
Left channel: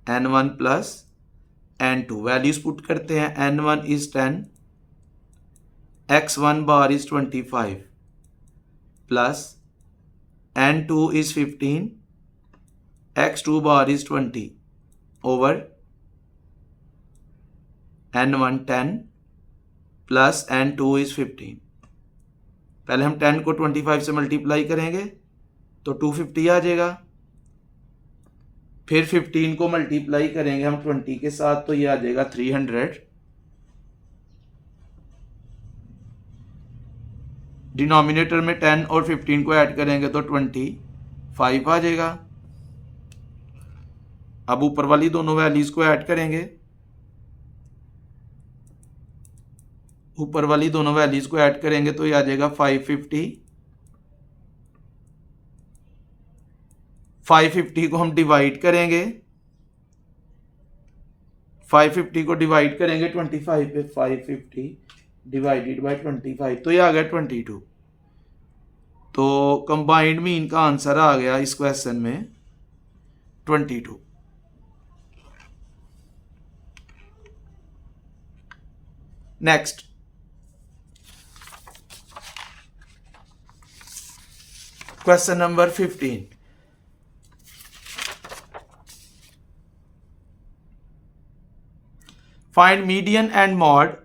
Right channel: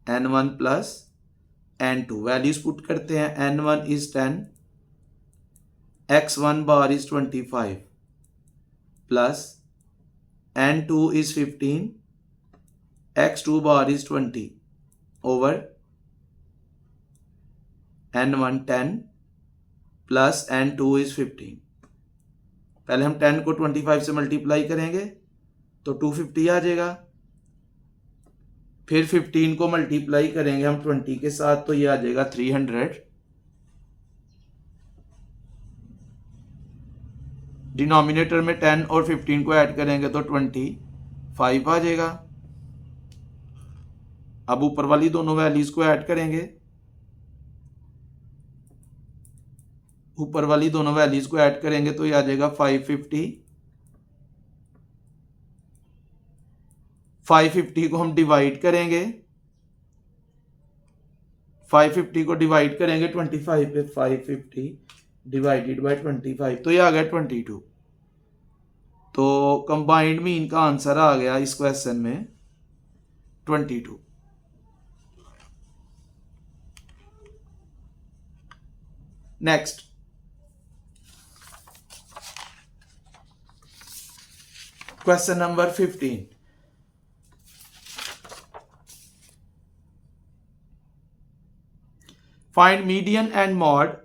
n1 plus n2। Values put करते हैं, n1 is 10, x1 bar is 25 plus n2 is 15, x2 bar is 20 over n1 10 plus n2 is 15। पहले हम 10 को 25 से multiply करेंगे तो 250 आ जाएगा। फिर 15 को मल्टीप्लाई करेंगे हम 20 के साथ तो ये आ जाएगा 300। डिनोमिनेटर में 10 और 15 को ऐड करेंगे तो 25 आ जाएगा। अब ऊपर वाली दोनों वैल्यूज को ऐड करेंगे, ऊपर वाली दोनों वैल्यूज को ऐड करेंगे तो ये आ जाएगा 550। 550 को हम डिवाइड करेंगे, 550 को डिवाइड करेंगे 25 पे, 550 डिवाइडेड बाय 25 तो ये आ गया 22। तो कंबाइंड मीन का आंसर आ गया इस क्वेश्चन में 22। Next, question number 15, find median and mod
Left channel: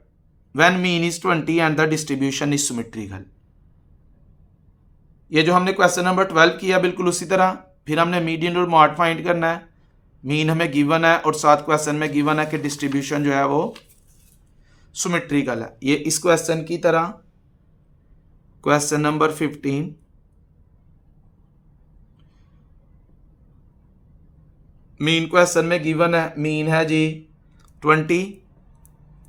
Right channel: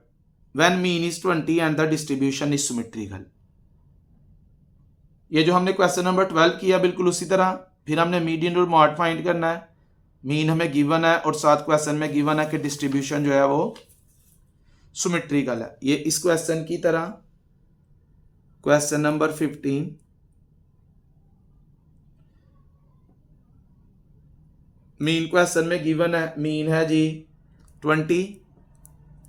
when mean is 20 and the distribution is symmetrical. ये जो हमने क्वेश्चन नंबर 12 किया बिल्कुल उसी तरह। फिर हमने मीडियन और मॉड फाइंड करना है। मीन हमें गिवन है और साथ क्वेश्चन में गिवन है कि डिस्ट्रीब्यूशन जो है वो सिमेट्रिकल है। ये इस क्वेश्चन की तरह क्वेश्चन नंबर 15, मीन क्वेश्चन में गिवन है, मीन है जी 20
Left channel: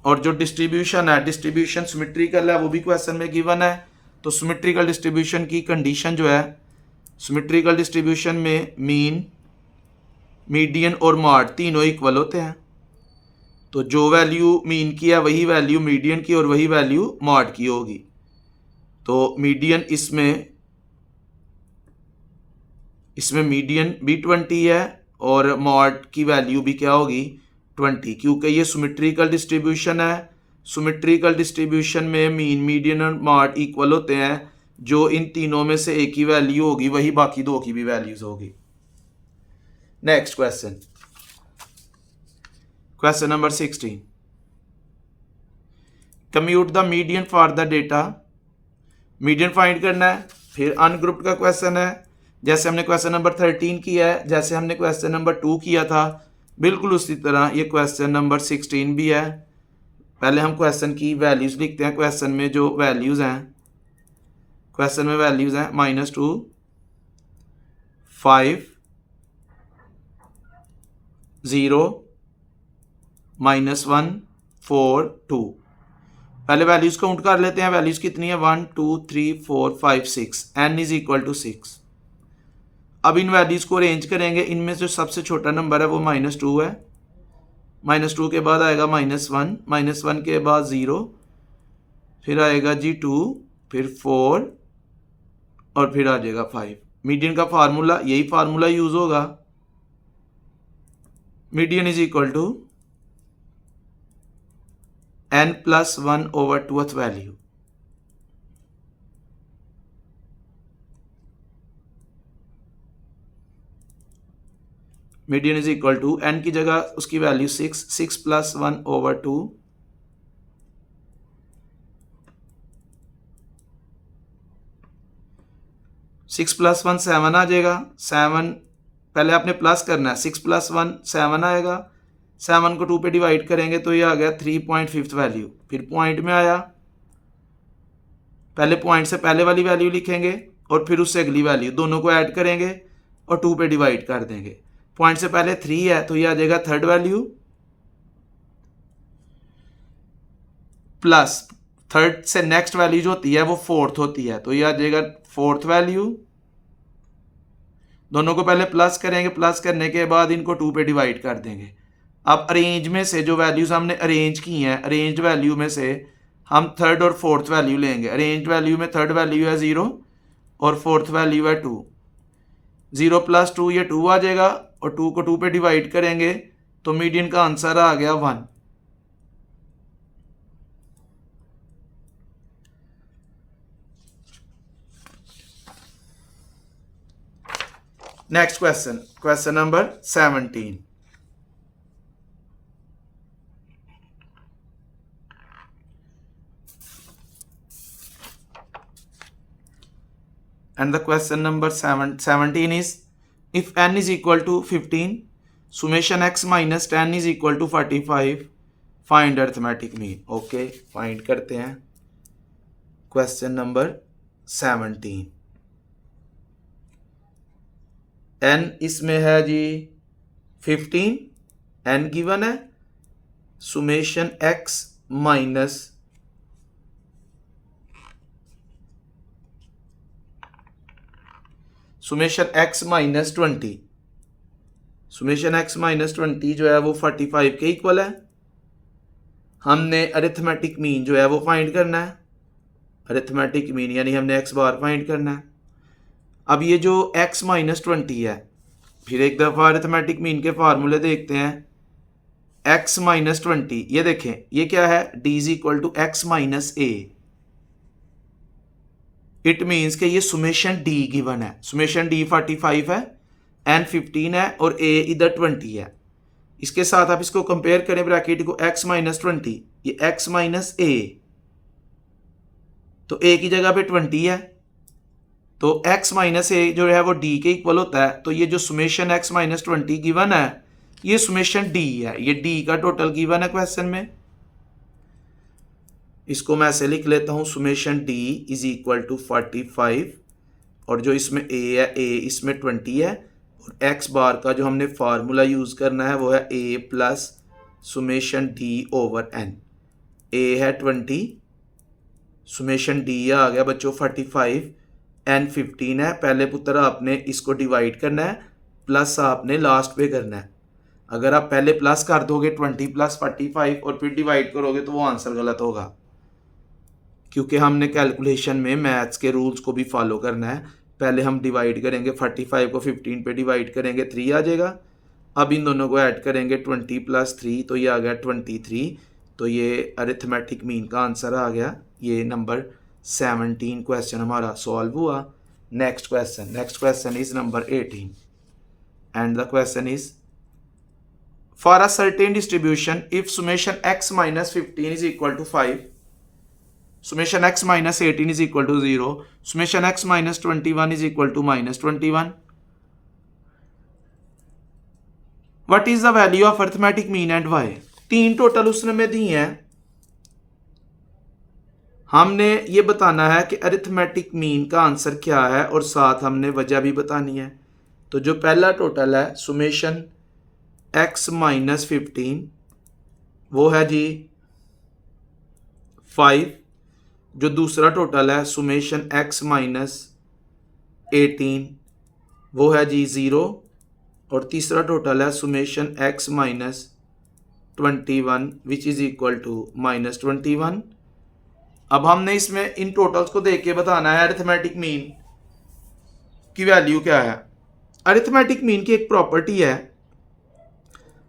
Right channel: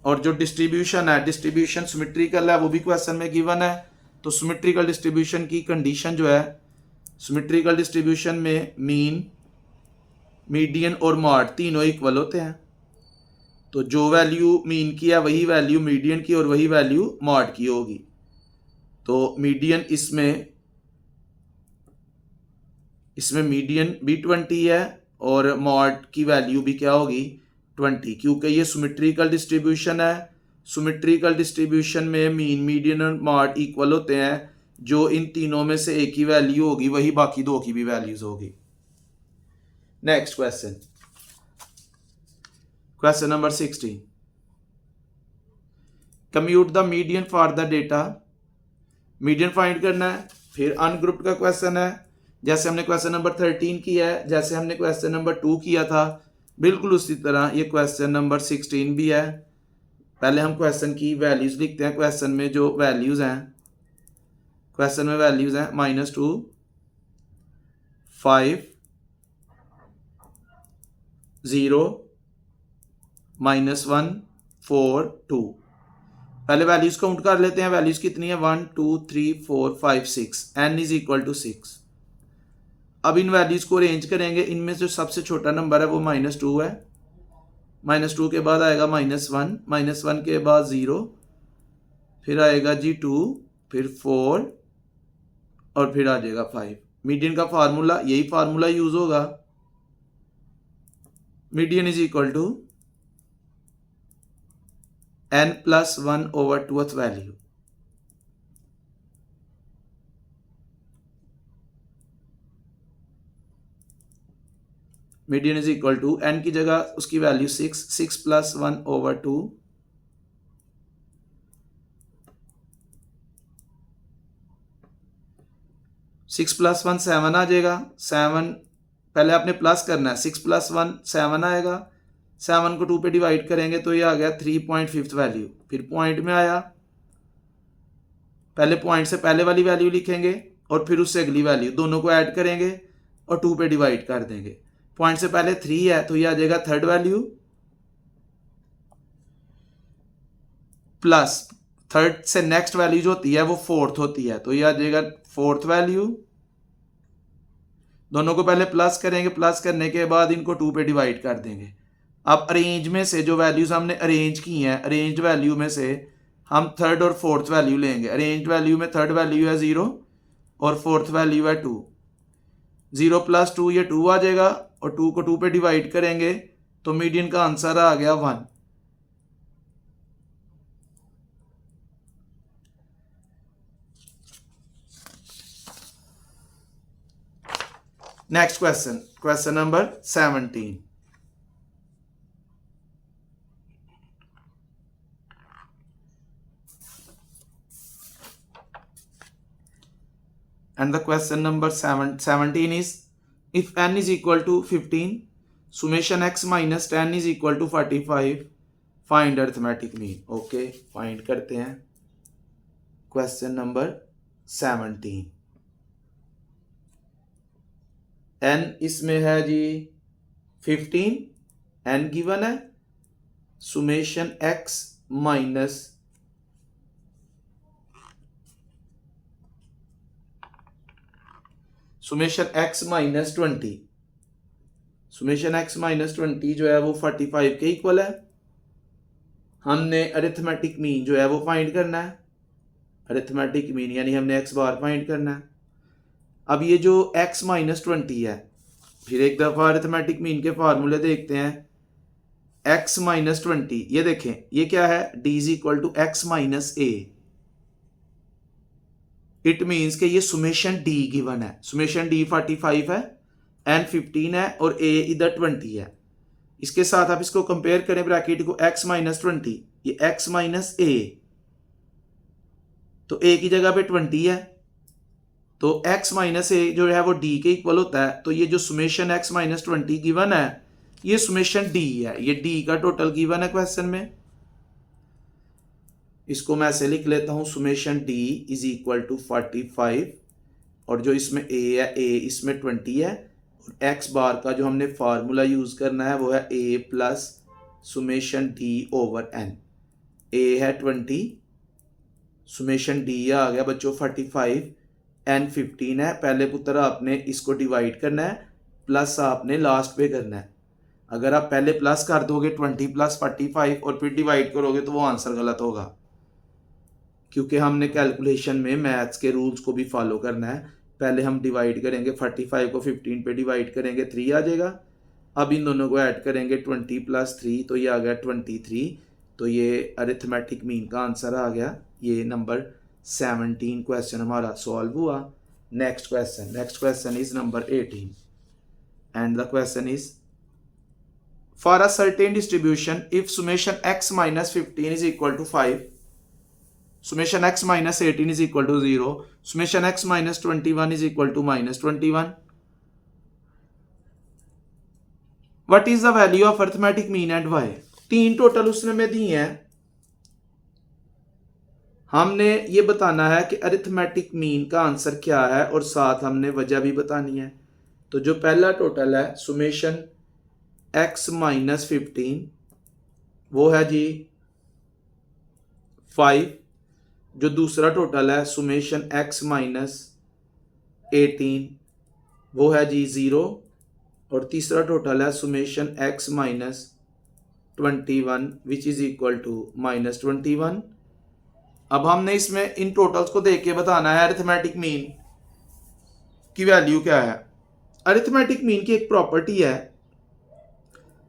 और जो डिस्ट्रीब्यूशन है, डिस्ट्रीब्यूशन सिमेट्रिकल है वो भी क्वेश्चन में गिवन है। तो सिमेट्रिकल डिस्ट्रीब्यूशन की कंडीशन जो है, सिमेट्रिकल डिस्ट्रीब्यूशन में मीन, मीडियन और मॉड तीनों इक्वल होते हैं। तो जो वैल्यू मीन की है वही वैल्यू मीडियन की और वही वैल्यू मॉड की होगी। तो मीडियन इसमें मीडियन भी 20 है और मॉड की वैल्यू भी क्या होगी 20, क्योंकि ये सिमेट्रिकल डिस्ट्रीब्यूशन है। सिमेट्रिकल डिस्ट्रीब्यूशन में मीन, मीडियन और मॉड इक्वल होते हैं। जो इन तीनों में से एक ही वैल्यू होगी वही बाकी दो की भी वैल्यूज होगी। Next question, question number 16, compute the median for the data. Median find करना है। फिर अनग्रुप्ड का क्वेश्चन है, जैसे हमने क्वेश्चन नंबर 13 किया है, जैसे हमने क्वेश्चन नंबर 2 किया था बिल्कुल उसी तरह ये क्वेश्चन नंबर 16 भी है। पहले हम क्वेश्चन की वैल्यूज लिखते हैं। क्वेश्चन में जो वैल्यूज हैं, क्वेश्चन में वैल्यूज हैं -2, 5, 0 -1 4 2। पहले वैल्यूज काउंट कर लेते हैं। वैल्यूज कितनी है 1 2 3 4 5 6। n is equal to 6। अब इन वैल्यूज को अरेंज करेंगे। इनमें जो सबसे छोटा नंबर है वो -2 है। -2 के बाद आएगा -1, -1 के बाद 0, फिर आएगा जी 2, फिर 4 और फिर आ जाएगा 5। मीडियन का फार्मूला, यही फार्मूला यूज होगा। Median is equal to n+1 over 2th value. Median is equal to n की जगह उसकी वैल्यू 6, 6 + 1 ओवर 2, 6 + 1 7 आ जाएगा। 7 पहले आपने प्लस करना है। 6 + 1 7 आएगा। 7 को 2 पे डिवाइड करेंगे तो ये आ गया 3.5 वैल्यू। फिर पॉइंट में आया, पहले पॉइंट से पहले वाली वैल्यू लिखेंगे और फिर उससे अगली वैल्यू, दोनों को ऐड करेंगे और 2 पे डिवाइड कर देंगे। पॉइंट से पहले 3 है तो ये आ जाएगा थर्ड वैल्यू, प्लस थर्ड से नेक्स्ट वैल्यू जो होती है वो फोर्थ होती है तो ये आ जाएगा फोर्थ वैल्यू। दोनों को पहले प्लस करेंगे, प्लस करने के बाद इनको 2 पे डिवाइड कर देंगे। अब अरेंज में से जो वैल्यूज हमने अरेंज की हैं, अरेंज वैल्यू में से हम थर्ड और फोर्थ वैल्यू लेंगे। अरेंज वैल्यू में थर्ड वैल्यू है 0 और फोर्थ वैल्यू है 2। 0 + 2 ये 2 आ जाएगा और 2 को 2 पे डिवाइड करेंगे तो मीडियन का आंसर आ गया 1। Next question, question number 17। and the question number 17 is, if n is equal to 15, summation x minus 10 is equal to 45, find arithmetic mean। Okay, find करते हैं क्वेश्चन नंबर 17। n इसमें है जी 15, n given है, summation x minus summation x minus 20, summation x minus 20 जो है वो 45 के equal है। हमने अरिथमेटिक मीन जो है वो फाइंड करना है। अरिथमेटिक मीन यानी हमने x बार फाइंड करना है। अब ये जो x माइनस 20 है, फिर एक दफ़ा अरिथमेटिक मीन के फार्मूले देखते हैं। x माइनस 20, ये देखें ये क्या है, d is equal to x minus a। It means कि ये सुमेशन d गिवन है। सुमेशन d 45 है, n 15 है और a इधर 20 है। इसके साथ आप इसको कंपेयर करें ब्रैकेट को, x माइनस 20, ये x माइनस a, तो a की जगह पे 20 है तो x माइनस a जो है वो d के इक्वल होता है। तो ये जो सुमेशन x माइनस 20 गिवन है ये सुमेशन d है, ये d का टोटल गिवन है क्वेश्चन में। इसको मैं ऐसे लिख लेता हूँ, summation d is equal to 45 और जो इसमें a है, a इसमें 20 है और x बार का जो हमने फार्मूला यूज़ करना है वो है a plus summation d over n। a है 20, सुमेशन d आ गया बच्चों 45, n 15 है। पहले पुत्र आपने इसको डिवाइड करना है, प्लस आपने लास्ट पे करना है। अगर आप पहले प्लस कर दोगे 20 + 45 और फिर डिवाइड करोगे तो वो आंसर गलत होगा, क्योंकि हमने कैलकुलेशन में मैथ्स के रूल्स को भी फॉलो करना है। पहले हम डिवाइड करेंगे, 45 को 15 पे डिवाइड करेंगे 3 आ जाएगा। अब इन दोनों को ऐड करेंगे 20 + 3 तो ये आ गया 23। तो ये अरिथमेटिक मीन का आंसर आ गया। ये नंबर 17 क्वेश्चन हमारा सॉल्व हुआ। Next question is number 18 and the question is, for a certain distribution if summation x minus 15 is equal to 5, summation x minus 18 is equal to 0, summation x minus 21 is equal to -21, what is the value of arithmetic mean and why। 3 total उसने में दी हैं। हमने ये बताना है कि arithmetic mean का answer क्या है और साथ हमने वजह भी बतानी है। तो जो पहला टोटल है सुमेशन x माइनस 15 वो है जी 5। जो दूसरा टोटल है सुमेशन x माइनस 18 वो है जी 0। और तीसरा टोटल है summation x minus 21 which is equal to minus 21। अब हमने इसमें इन टोटल्स को देख के बताना है अरिथमेटिक मीन की वैल्यू क्या है। अरिथमेटिक मीन की एक प्रॉपर्टी है,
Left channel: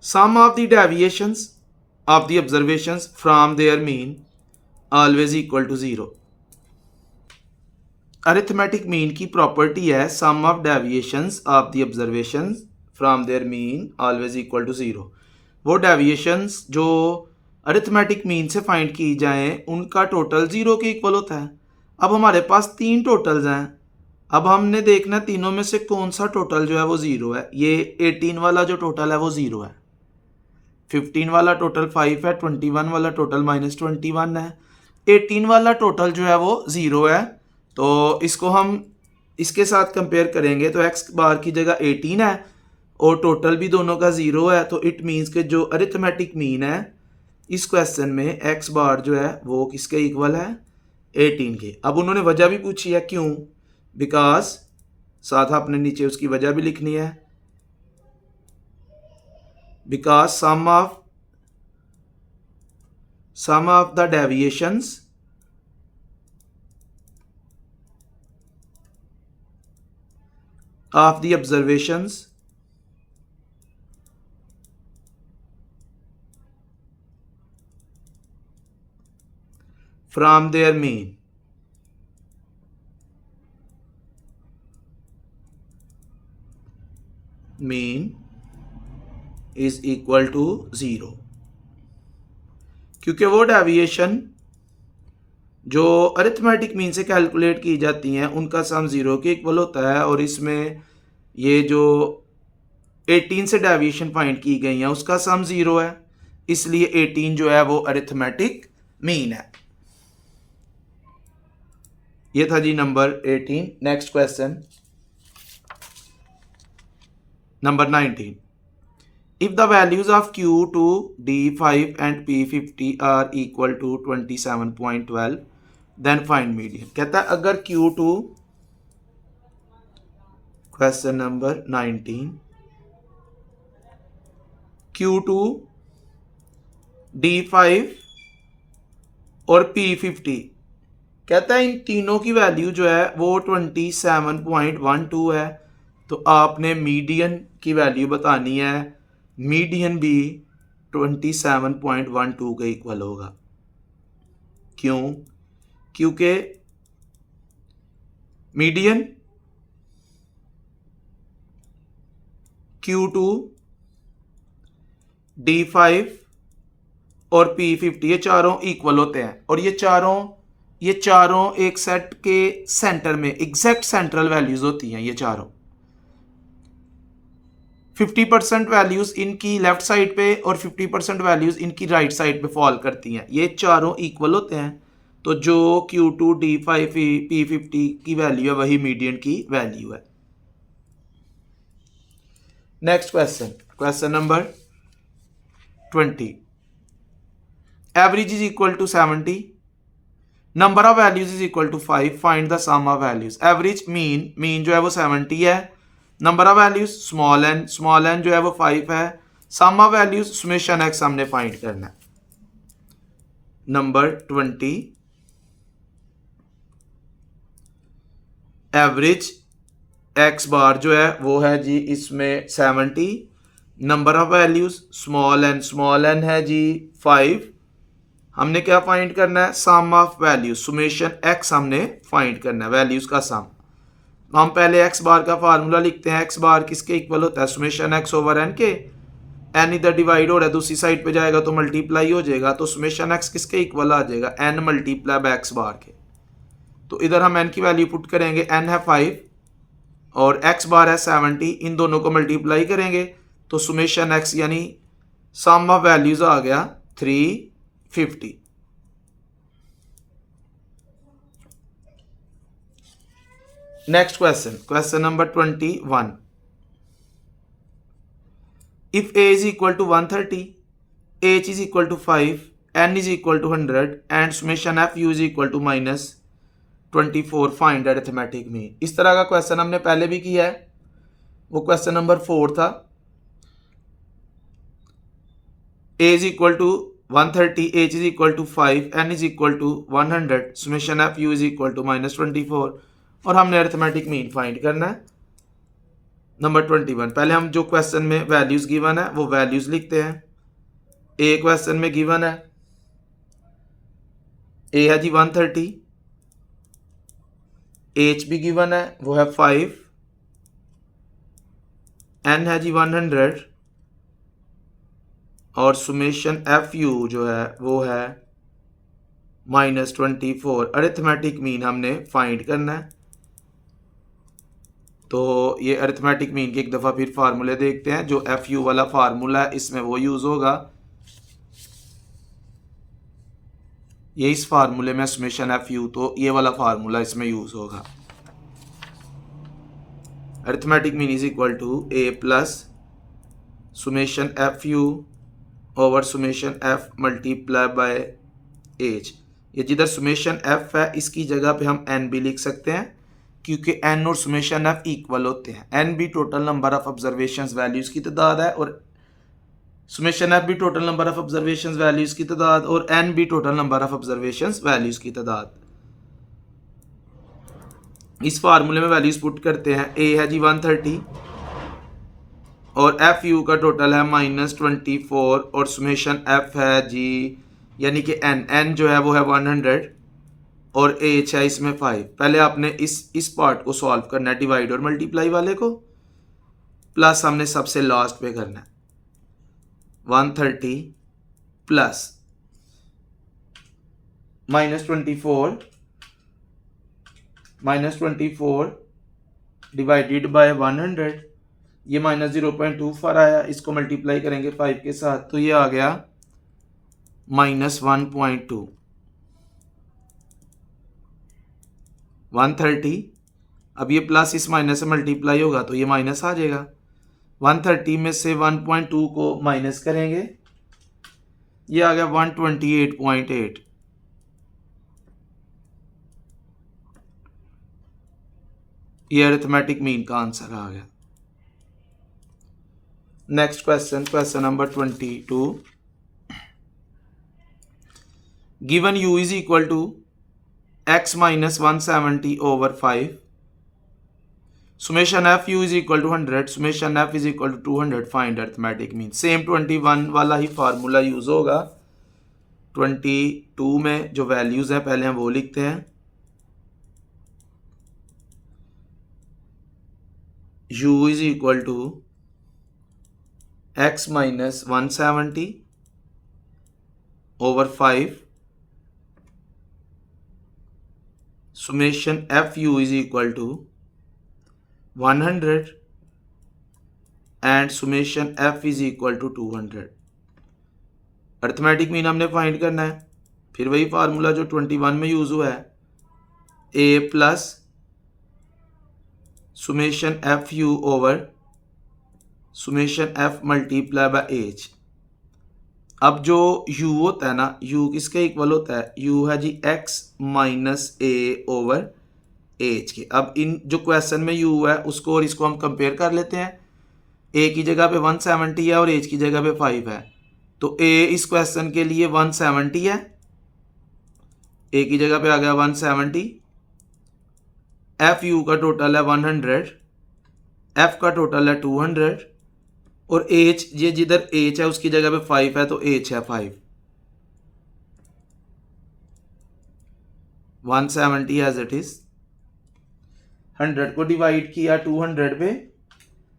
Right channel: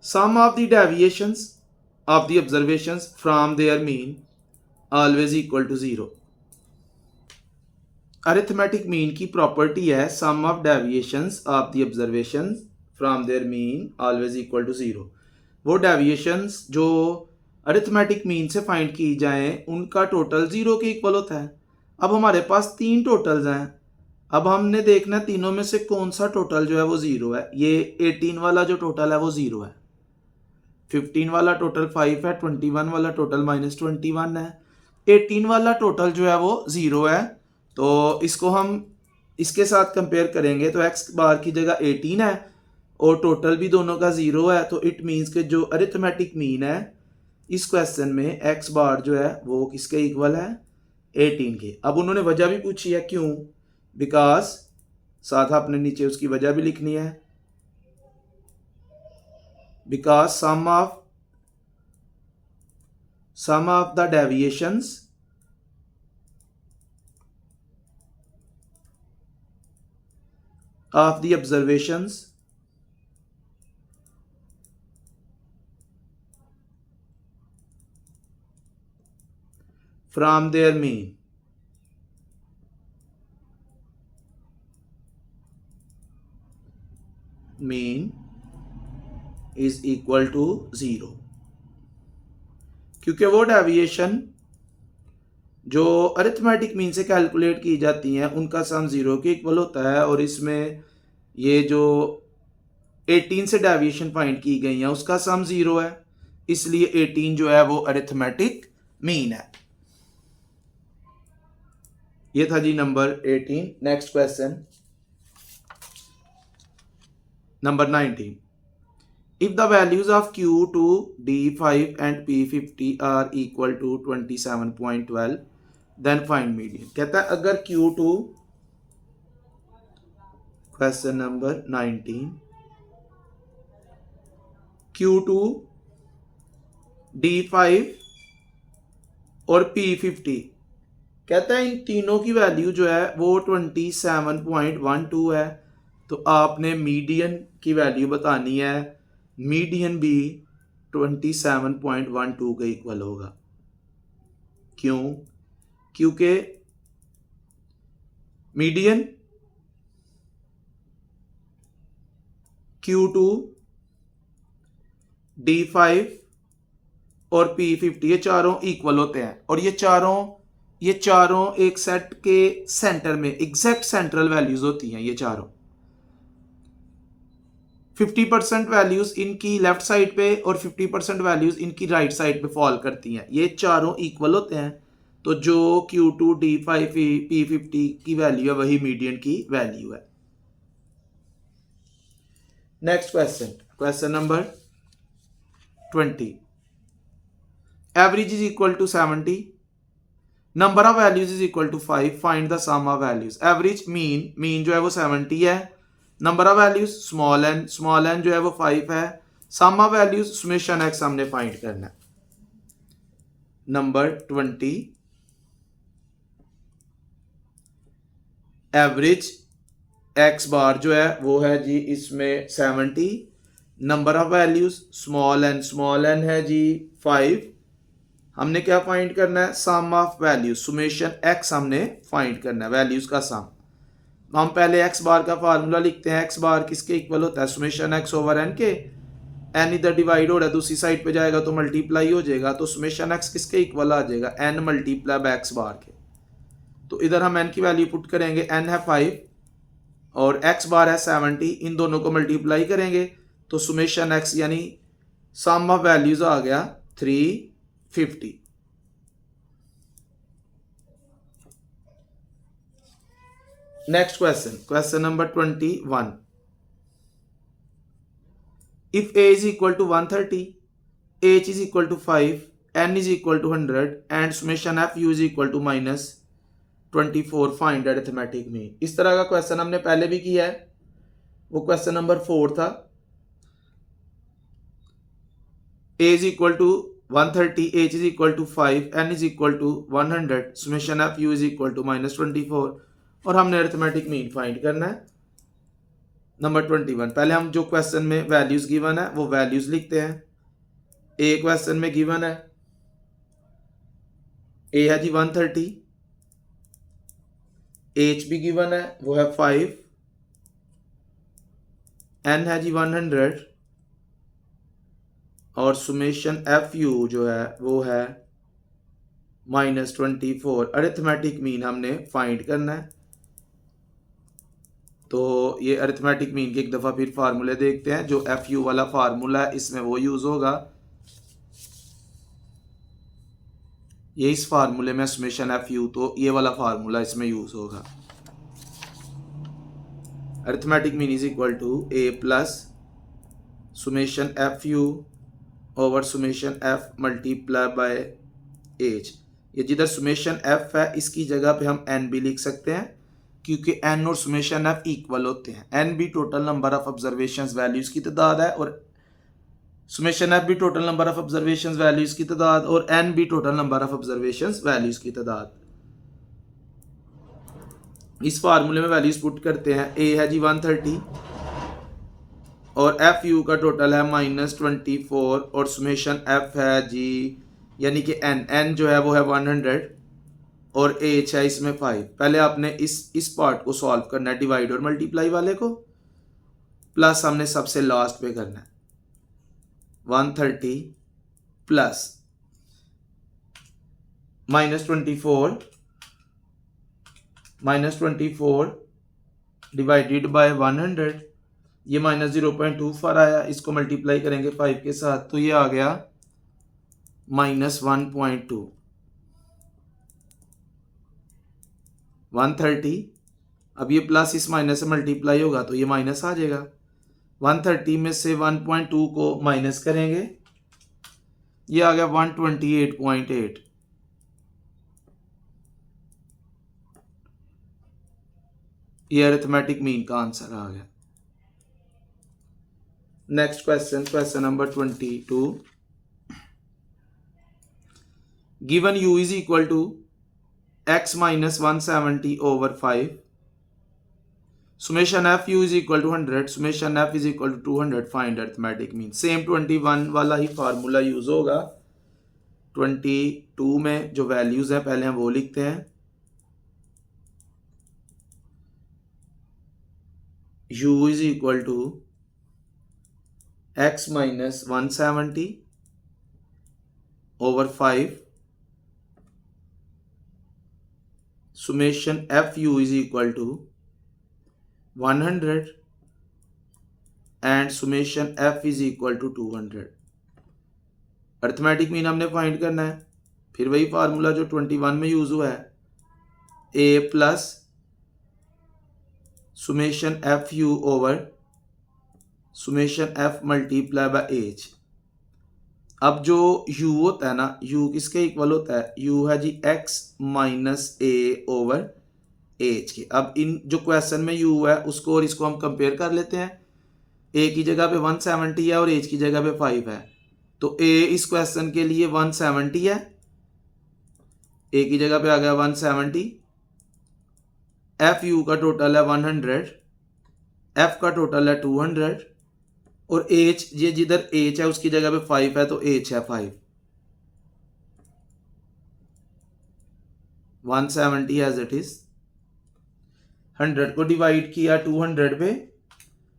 sum of the deviations of the observations from their mean always equal to 0। Arithmetic mean की प्रॉपर्टी है sum of deviations of the observations from their mean always equal to 0। वो deviations जो arithmetic mean से find की जाएं उनका total 0 के equal होता है। अब हमारे पास 3 टोटल्स हैं, अब हमने देखना तीनों में से कौन सा टोटल जो है वो 0 है। ये 18 वाला जो टोटल है वो 0 है, 15 वाला टोटल 5 है, 21 वाला टोटल माइनस 21 है, 18 वाला टोटल जो है वो 0 है। तो इसको हम इसके साथ कंपेयर करेंगे तो x बार की जगह 18 है और टोटल भी दोनों का 0 है। तो इट मीन्स के जो अरिथमेटिक मीन है इस क्वेश्चन में x बार जो है वो किसके इक्वल है, 18 के। अब उन्होंने वजह भी पूछी है, क्यों, बिकॉज साथ आपने नीचे उसकी वजह भी लिखनी है, because sum of the deviations of the observations from their mean is equal to 0। क्योंकि वो डेविएशन जो अरिथमेटिक मीन से कैलकुलेट की जाती हैं उनका सम 0 के इक्वल होता है। और इसमें ये जो 18 से डेविएशन फाइंड की गई है उसका सम 0 है, इसलिए 18 जो है वो अरिथमेटिक मीन है। ये था जी number 18। Next question number 19। If the values of Q2, D5 and P50 are equal to 27.12 then find median. कहता है अगर Q2, question number 19, Q2, D5 और P50 कहता है इन तीनों की वैल्यू जो है वो 27.12 है, तो आपने मीडियन की वैल्यू बतानी है। मीडियन भी 27.12 के इक्वल होगा। क्यों, क्योंकि मीडियन Q2, D5 और P50 ये चारों इक्वल होते हैं और ये चारों एक सेट के सेंटर में एग्जैक्ट सेंट्रल वैल्यूज होती हैं। ये चारों 50% वैल्यूज इनकी लेफ्ट साइड पे और 50% वैल्यूज इनकी राइट साइड पे फॉल करती हैं। ये चारों इक्वल होते हैं, तो जो Q2, D5, P50 की वैल्यू है वही मीडियन की वैल्यू है। Next question, question number 20। Average is equal to 70, number of values is equal to 5, find the sum of values. Average mean जो है वो 70 है, number of values small n जो है वो 5 है, sum of values summation x हमने find करना है। नंबर 20, एवरेज एक्स बार जो है वो है जी इसमें 70, number of values small n है जी 5। हमने क्या फाइंड करना है, sum of values summation x हमने फाइंड करना है, वैल्यूज का सम। हम पहले एक्स बार का फार्मूला लिखते हैं। एक्स बार किसके इक्वल होता है, सुमेशन एक्स ओवर एन के। एन इधर डिवाइड हो रहा है, दूसरी साइड पे जाएगा तो मल्टीप्लाई हो जाएगा, तो सुमेशन एक्स किसके इक्वल आ जाएगा, एन मल्टीप्लाई बाय एक्स बार के। तो इधर हम एन की वैल्यू पुट करेंगे, एन है 5 और एक्स बार है 70, इन दोनों को मल्टीप्लाई करेंगे तो सुमेशन एक्स यानी सम ऑफ वैल्यूज आ गया 350। Next question, question number 21। If a is equal to 130, h is equal to 5, n is equal to 100 and summation F u is equal to -24, find arithmetic mean. इस तरह का question हमने पहले भी किया है, वो क्वेश्चन नंबर 4 था। A is equal to 130, h is equal to 5, n is equal to 100, summation F u is equal to -24 और हमने अरिथमेटिक मीन फाइंड करना है। नंबर 21, पहले हम जो क्वेश्चन में वैल्यूज गिवन है वो वैल्यूज लिखते हैं। ए क्वेश्चन में गिवन है, ए है जी 130, एच भी गिवन है वो है 5, एन है जी 100 और सुमेशन एफ यू जो है वो है -24। अरिथमेटिक मीन हमने फाइंड करना है। तो ये अरिथमेटिक मीन की एक दफ़ा फिर फार्मूले देखते हैं। जो एफ यू वाला फार्मूला है इसमें वो यूज़ होगा, ये इस फार्मूले में समेशन एफ यू, तो ये वाला फार्मूला इसमें यूज़ होगा। Arithmetic mean is equal to a plus summation f u over summation f multiply by h. ये जिधर सुमेशन एफ है इसकी जगह पे हम एन भी लिख सकते हैं, क्योंकि एन और सुमेशन एफ इक्वल होते हैं। एन भी total number of observations values की तादाद है और सुमेशन एफ भी total number of observations values की तादाद और एन भी total number of observations values की तादाद। इस फार्मूले में वैल्यूज़ पुट करते हैं। ए है जी 130 और एफ यू का टोटल है -24 और सुमेशन एफ है जी यानी कि एन जो है वो है 100 और एच है इसमें 5। पहले आपने इस पार्ट को सॉल्व करना है, डिवाइड और मल्टीप्लाई वाले को, प्लस हमने सबसे लास्ट पे करना है 130 प्लस -24 डिवाइडेड बाय 100, ये -0.24 आया, इसको मल्टीप्लाई करेंगे 5 के साथ तो ये आ गया -1.2। 130, अब ये प्लस इस माइनस से मल्टीप्लाई होगा तो ये माइनस आ जाएगा। 130 में से 1.2 को माइनस करेंगे, ये आ गया 128.8। ये अरिथमेटिक मीन का आंसर आ गया। Next question, question number 22। Given u is equal to x minus 170 over 5, summation f u is equal to 100, summation f is equal to 200, find arithmetic mean। Same 21 वाला ही formula use होगा। 22 में जो values है पहले हम वो लिखते हैं। u is equal to x minus 170 over 5, summation f u is equal to 100 and summation f is equal to 200। Arithmetic mean हमने फाइंड करना है। फिर वही फार्मूला जो 21 में यूज हुआ है, a plus summation f u over summation f multiply by H. अब जो u होता है ना, u किसके इक्वल होता है, u है जी x minus A over H के। अब इन जो क्वेश्चन में u है उसको और इसको हम कंपेयर कर लेते हैं। a की जगह पे 170 है और h की जगह पे 5 है, तो a इस क्वेश्चन के लिए 170 है, a की जगह पे आ गया 170, एफ यू का टोटल है 100, f का टोटल है 200 और h, ये जिधर h है उसकी जगह पे 5 है तो h है 5। 170 एज इट इज, 100 को डिवाइड किया 200 पे,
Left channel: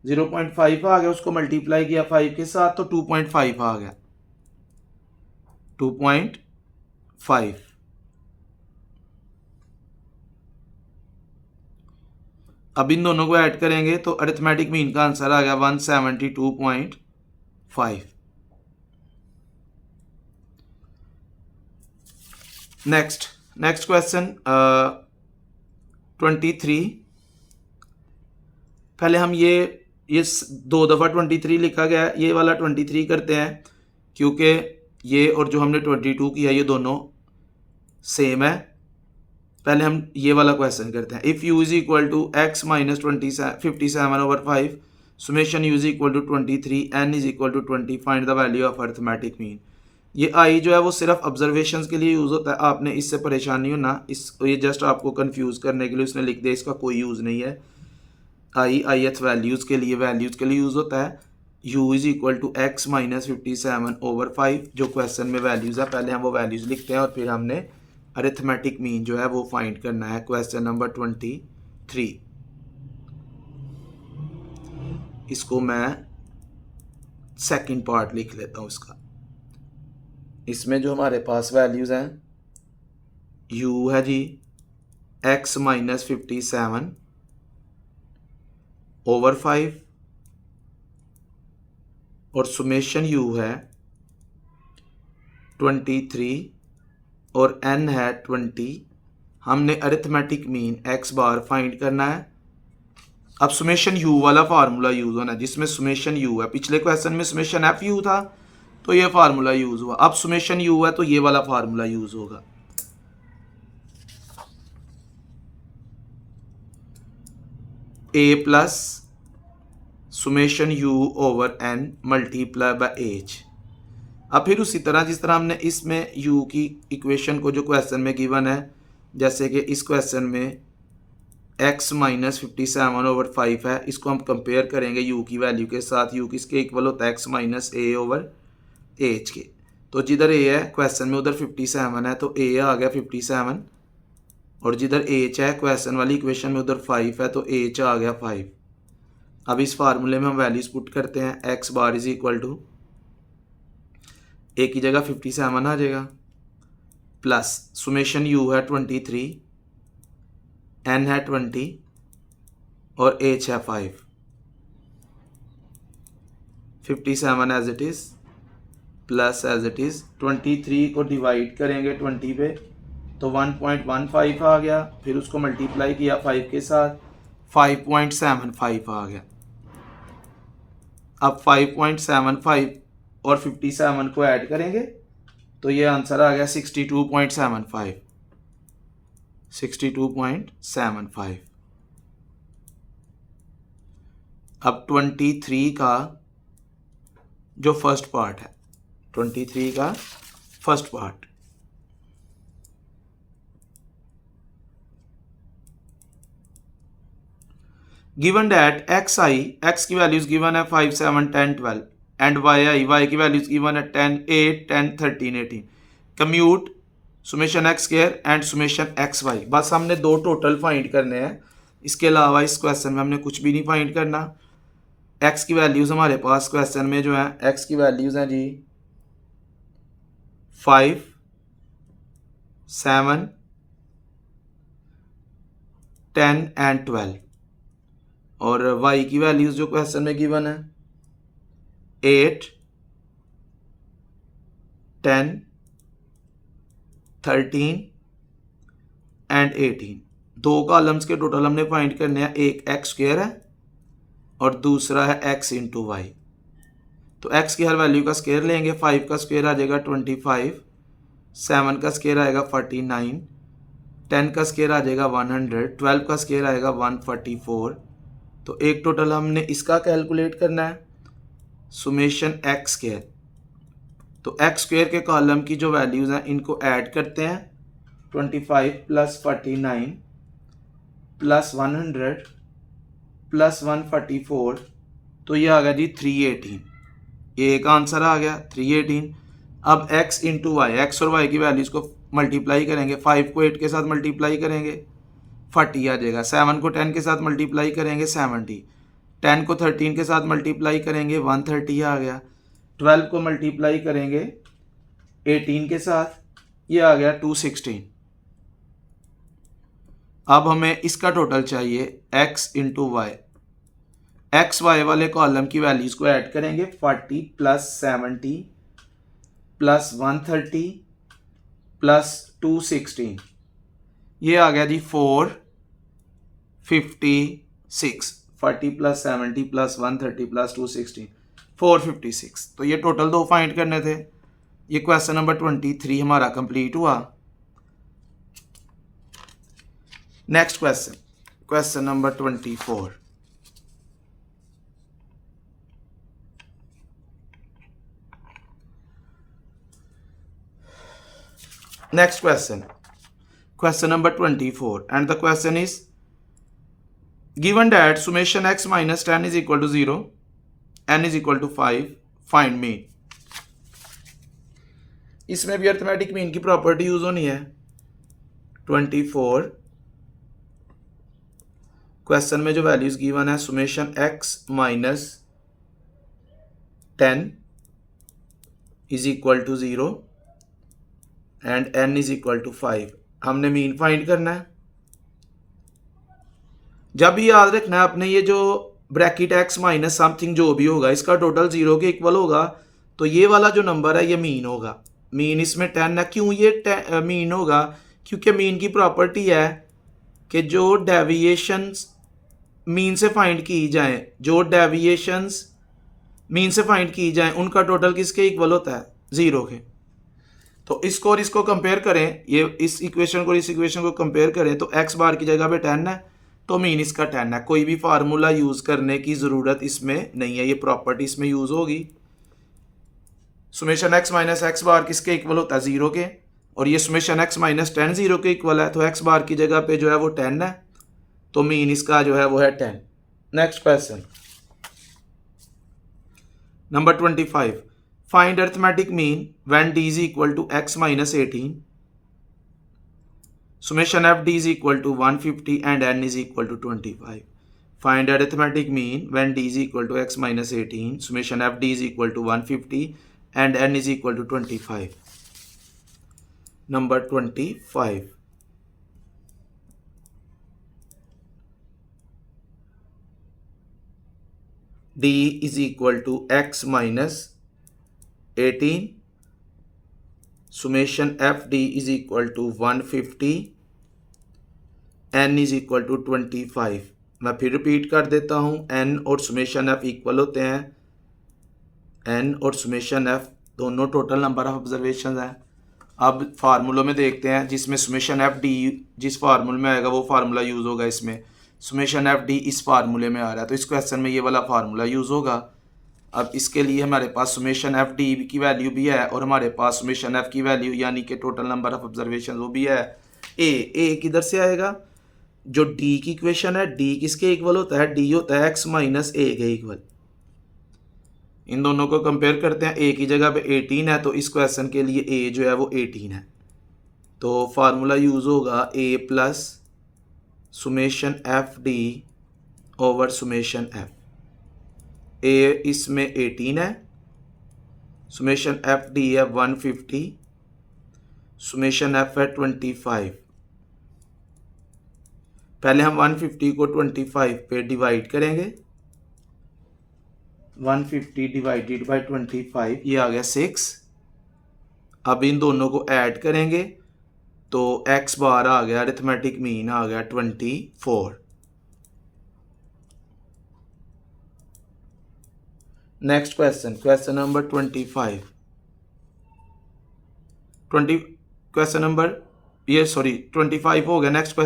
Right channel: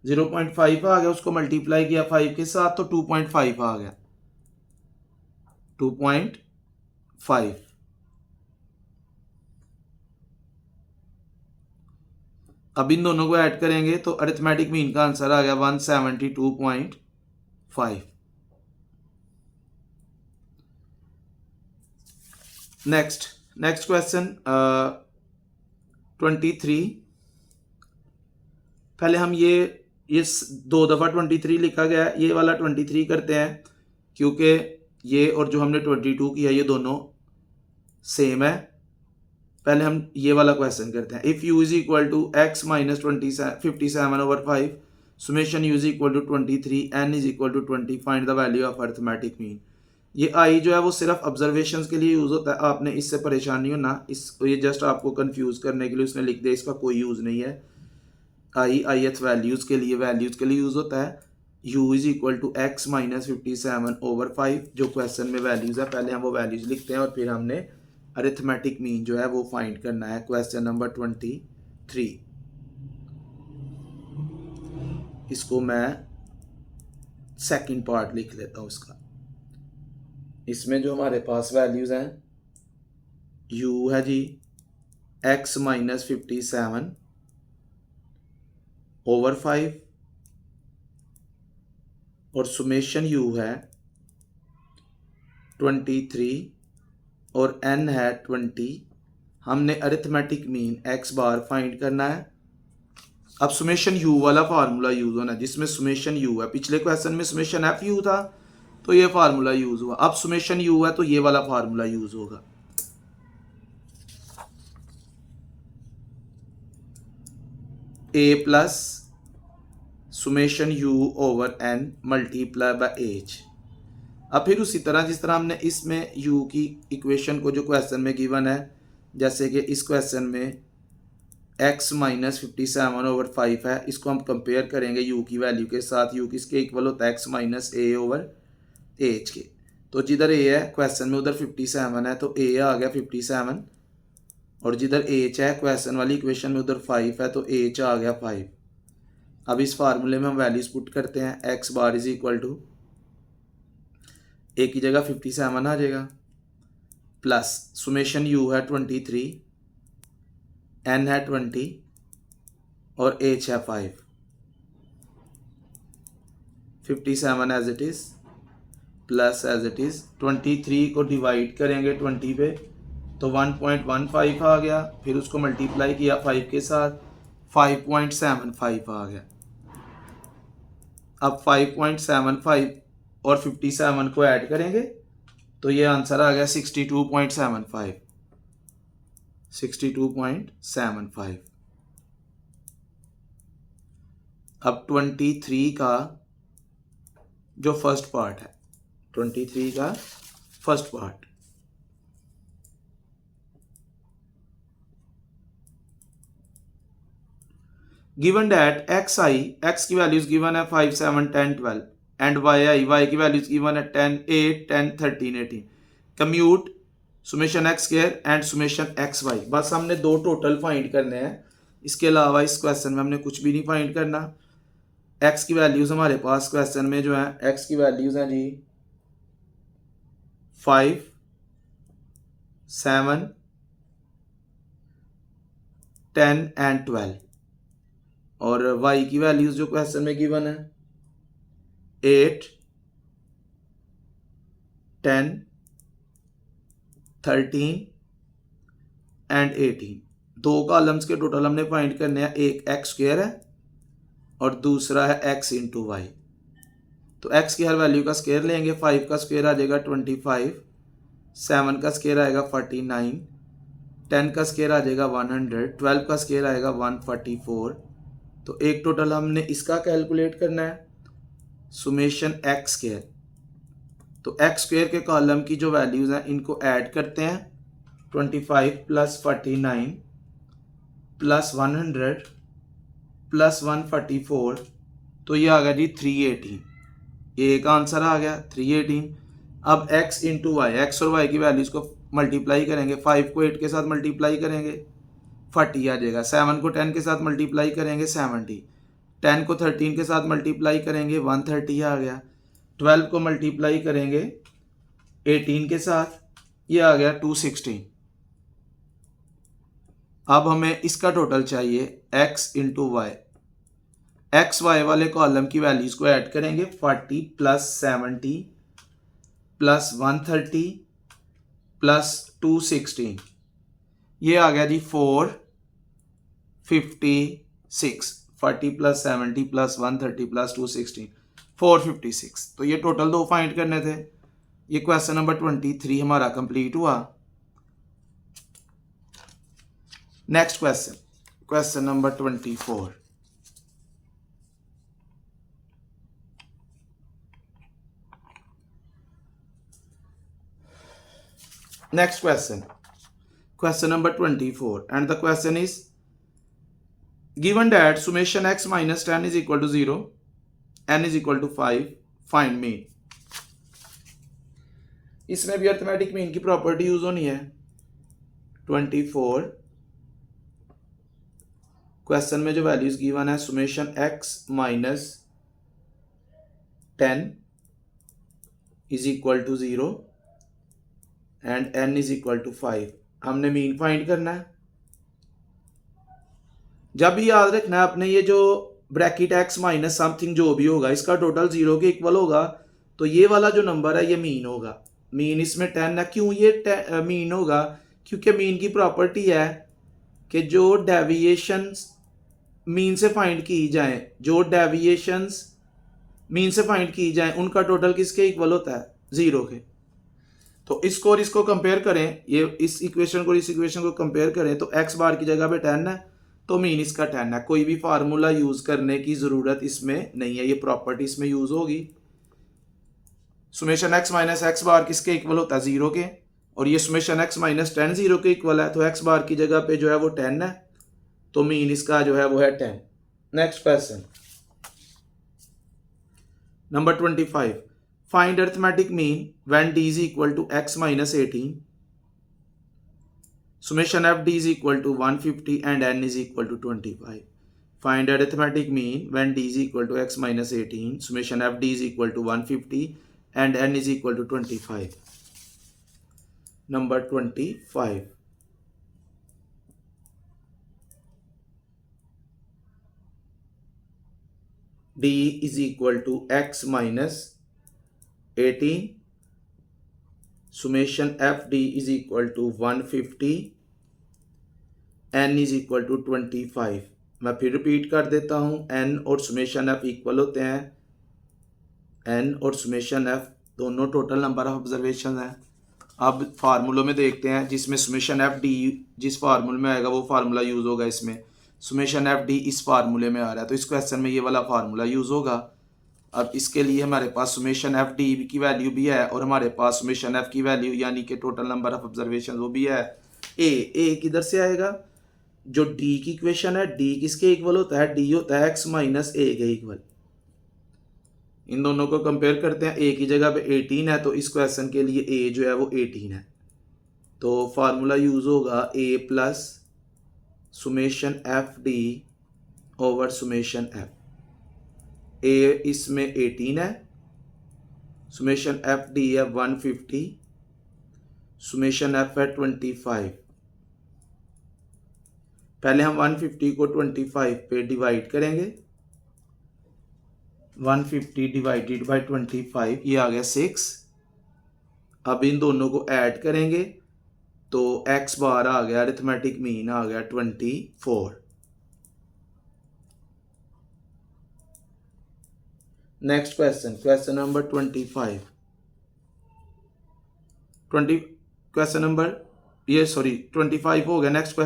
0.5 आ गया, उसको मल्टीप्लाई किया 5 के साथ तो 2.5 आ गया, 2.5। अब इन दोनों को ऐड करेंगे तो अरिथमेटिक मीन का आंसर आ गया 172.5। Next question 23। पहले हम ये ये 2 दफ़ा 23 लिखा गया है, ये वाला 23 करते हैं क्योंकि ये और जो हमने 22 किया ये दोनों सेम है। पहले हम ये वाला क्वेश्चन करते हैं। If u is equal to x minus 57/5 summation u is equal to 23 n is equal to 20 find the value of arithmetic mean. ये आई जो है वो सिर्फ ऑब्जर्वेशंस के लिए यूज़ होता है, आपने इससे परेशान नहीं होना। ये जस्ट आपको कंफ्यूज करने के लिए उसने लिख दिया, इसका कोई यूज़ नहीं है। आई एच वैल्यूज़ के लिए यूज़ होता है। u is equal to x minus 57/5 जो क्वेश्चन में वैल्यूज़ है, पहले हम वो वैल्यूज़ लिखते हैं और फिर हमने अरिथमेटिक मीन जो है वो फाइंड करना है। क्वेश्चन नंबर 23, इसको मैं सेकंड पार्ट लिख लेता हूँ इसका। इसमें जो हमारे पास वैल्यूज़ हैं, u है जी x माइनस 57/5 और सुमेशन u है 23 और n है 20। हमने अरिथमेटिक मीन x बार फाइंड करना है। अब सुमेशन u वाला फार्मूला यूज़ होना है जिसमें सुमेशन u है। पिछले क्वेश्चन में सुमेशन एफ यू था तो ये फार्मूला यूज़ हुआ, अब सुमेशन u है तो ये वाला फार्मूला यूज़ होगा। a plus summation u over n multiply by h। अब फिर उसी तरह जिस तरह हमने इसमें u की इक्वेशन को जो क्वेश्चन में गिवन है, जैसे कि इस क्वेश्चन में x माइनस 57/5 है, इसको हम कंपेयर करेंगे u की वैल्यू के साथ। u किसके इक्वल होता है x minus a over h के। तो जिधर a है क्वेश्चन में उधर 57 है तो a आ गया 57, और जिधर h है क्वेश्चन वाली इक्वेशन में उधर 5 है तो h आ गया 5। अब इस फार्मूले में हम वैल्यूज पुट करते हैं। x bar is equal to a की जगह 57 आ जाएगा, प्लस सुमेशन u है 23, n है 20 और h है 5। 57 as it is plus as it is 23 को डिवाइड करेंगे 20 पे तो 1.15 आ गया, फिर उसको मल्टीप्लाई किया 5 के साथ 5.75 आ गया। अब 5.75 और 57 को ऐड करेंगे तो ये आंसर आ गया 62.75। 62.75। अब 23 का जो फर्स्ट पार्ट है, 23 का first part, given that x i, x की वैल्यूज गिवन है 5, 7, 10, 12 एंड वाई आई, वाई की वैल्यूज गिवन है 10, 8, 10, 13, 18। Compute summation x square and summation x y. बस हमने दो टोटल फाइंड करने हैं, इसके अलावा इस क्वेश्चन में हमने कुछ भी नहीं फाइंड करना। एक्स की वैल्यूज हमारे पास क्वेश्चन में जो है एक्स की वैल्यूज हैं जी 5, 7, 10 एंड 12, और y की वैल्यूज जो क्वेश्चन में गिवन है 8, 10, 13 एंड 18। दो कॉलम्स के टोटल हमने फाइंड करने हैं, एक एक्स स्क्वायर है और दूसरा है x इंटू वाई। तो x की हर वैल्यू का स्क्वायर लेंगे, 5 का स्क्वायर आ जाएगा 25, 7 का स्क्वायर आएगा 49, 10 का स्क्वायर आ जाएगा 100, 12 का स्क्वायर आएगा 144। तो एक टोटल हमने इसका कैलकुलेट करना है सुमेशन एक्स स्क्वायर। तो एक्स स्क्वायर के कॉलम की जो वैल्यूज़ हैं इनको ऐड करते हैं, 25 प्लस 49 प्लस 100 प्लस 144, तो ये आ गया जी 318। ये एक आंसर आ गया 318। अब x इंटू वाई, एक्स और वाई की वैल्यूज़ को मल्टीप्लाई करेंगे, 5 को 8 के साथ मल्टीप्लाई करेंगे 40 आ जाएगा, 7 को 10 के साथ मल्टीप्लाई करेंगे 70, 10 को 13 के साथ मल्टीप्लाई करेंगे 130 आ गया, 12 को मल्टीप्लाई करेंगे 18 के साथ, ये आ गया 216। अब हमें इसका टोटल चाहिए x into y. X y वाले कॉलम की वैल्यूज को ऐड करेंगे, 40 प्लस 70 प्लस 130 प्लस 216, ये आ गया जी 456। 40 प्लस 70 प्लस 130 प्लस 216 456। तो ये टोटल दो फाइंड करने थे। ये क्वेश्चन नंबर 23 हमारा कंप्लीट हुआ। Next question, question number 24। Next question, question number 24, and the question is given that summation x minus 10 is equal to 0, n is equal to 5, find mean। इसमें भी arithmetic mean की property use होनी है। 24 question में जो values given है, summation x minus 10 is equal to 0 and n is equal to 5। हमने mean find करना है। जब भी याद रखना है आपने, ये जो ब्रैकेट x माइनस समथिंग जो भी होगा इसका टोटल 0 के इक्वल होगा, तो ये वाला जो नंबर है ये मीन होगा। मीन इसमें 10 है। क्यों ये मीन होगा? क्योंकि मीन की प्रॉपर्टी है कि जो डेविएशंस मीन से फाइंड की जाए, जो डेविएशंस मीन से फाइंड की जाए, उनका टोटल किसके इक्वल होता है? 0 के। तो इसको और इसको कंपेयर करें, ये इस इक्वेशन को इस इक्वेशन को कंपेयर करें तो x बार की जगह पे 10 है, तो मीन इसका 10 है। कोई भी फार्मूला यूज करने की जरूरत इसमें नहीं है, ये प्रॉपर्टी इसमें यूज होगी। सुमेशन x माइनस एक्स बार किसके इक्वल होता है? 0 के। और ये सुमेशन x माइनस 10 0 के इक्वल है, तो x बार की जगह पे जो है वो 10 है, तो मीन इसका जो है वो है 10। Next question number 25, find arithmetic mean when d is equal to x minus 18, summation f d is equal to 150 and n is equal to 25। find arithmetic mean when d is equal to x minus 18, summation f d is equal to 150 and n is equal to 25। number 25, d is equal to x minus 18, summation f d is equal to 150, n is equal to 25। मैं फिर repeat कर देता हूँ, n और summation f equal होते हैं। n और summation f दोनों टोटल नंबर ऑफ ऑब्जर्वेशन हैं। अब फार्मूलों में देखते हैं, जिसमें सुमेशन एफ डी जिस फार्मूले में आएगा वो फार्मूला यूज़ होगा। इसमें सुमेशन एफ डी इस फार्मूले में आ रहा है, तो इस क्वेश्चन में ये वाला फार्मूला यूज़ होगा। अब इसके लिए हमारे पास सुमेशन एफ डी की वैल्यू भी है और हमारे पास सुमेशन एफ की वैल्यू यानी कि टोटल नंबर ऑफ ऑब्जर्वेशन वो भी है। ए किधर से आएगा? जो डी की इक्वेशन है, डी किसके इक्वल होता है? डी होता है एक्स माइनस ए के इक्वल। इन दोनों को कंपेयर करते हैं, ए की जगह पे 18 है, तो इस क्वेश्चन के लिए ए जो है वो 18 है। तो फार्मूला यूज़ होगा a plus summation f d over summation f. A इसमें 18 है, सुमेशन एफ डी है 150, सुमेशन एफ है 25। पहले हम 150 को 25 पे डिवाइड करेंगे। 150 डिवाइडेड बाई 25, ये आ गया 6। अब इन दोनों को ऐड करेंगे तो x बार आ गया, अरिथमेटिक मीन आ गया 24। Next question, question number 25। Question number 25 हो गया। Next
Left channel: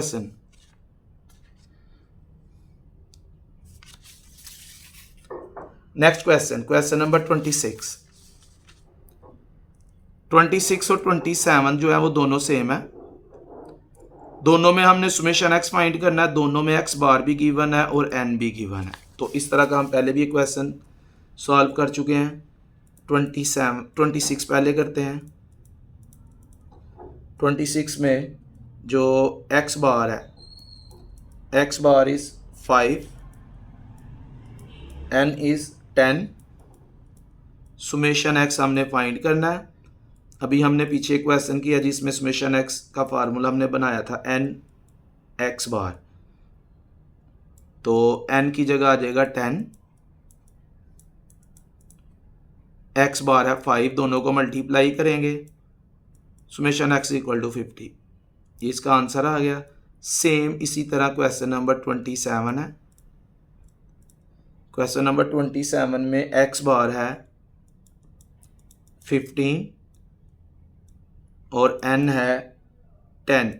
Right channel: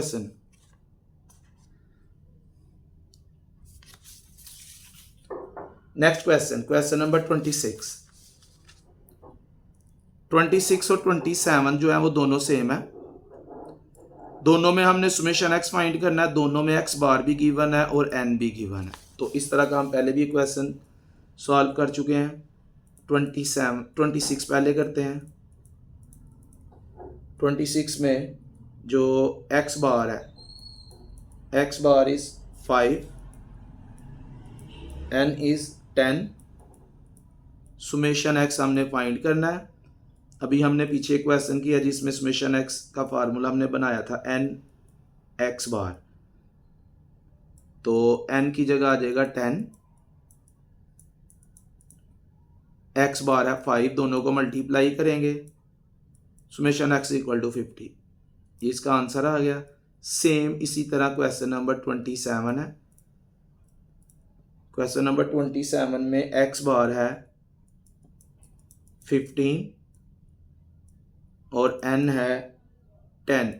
question, question number 26। 26 और 27 जो है वो दोनों सेम है। दोनों में हमने सुमेशन x फाइंड करना है, दोनों में x बार भी गिवन है और n भी गिवन है। तो इस तरह का हम पहले भी क्वेश्चन सॉल्व कर चुके हैं। 26 पहले करते हैं। 26 में जो x बार है, x bar is 5, n is 10, summation x हमने फाइंड करना है। अभी हमने पीछे क्वेश्चन किया जिसमें सुमेशन x का फार्मूला हमने बनाया था n x बार, तो n की जगह आ जाएगा 10, x बार है 5, दोनों को मल्टीप्लाई करेंगे, सुमेशन x इक्वल टू 50। ये इसका आंसर आ गया। सेम इसी तरह क्वेश्चन नंबर 27 है। क्वेश्चन नंबर 27 में एक्स बार है 15 और एन है 10।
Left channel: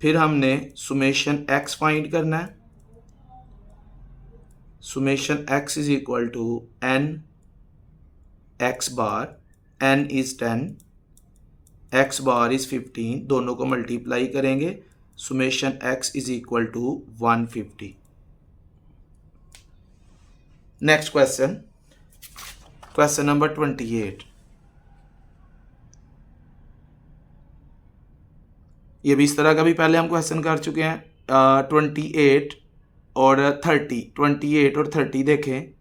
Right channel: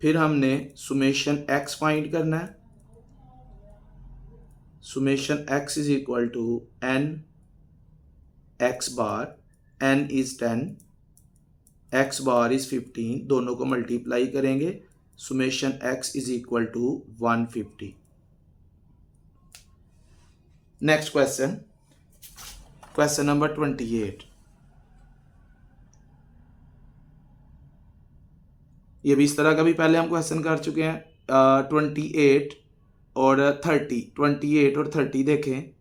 फिर हमने सुमेशन एक्स फाइंड करना है। Summation x is equal to n x bar, n is 10, x bar is 15, दोनों को मल्टीप्लाई करेंगे। Summation x is equal to 150। Next question, question number 28। ये भी इस तरह का भी पहले हम क्वेश्चन कर चुके हैं। 28 और 30, 28 और 30 देखें,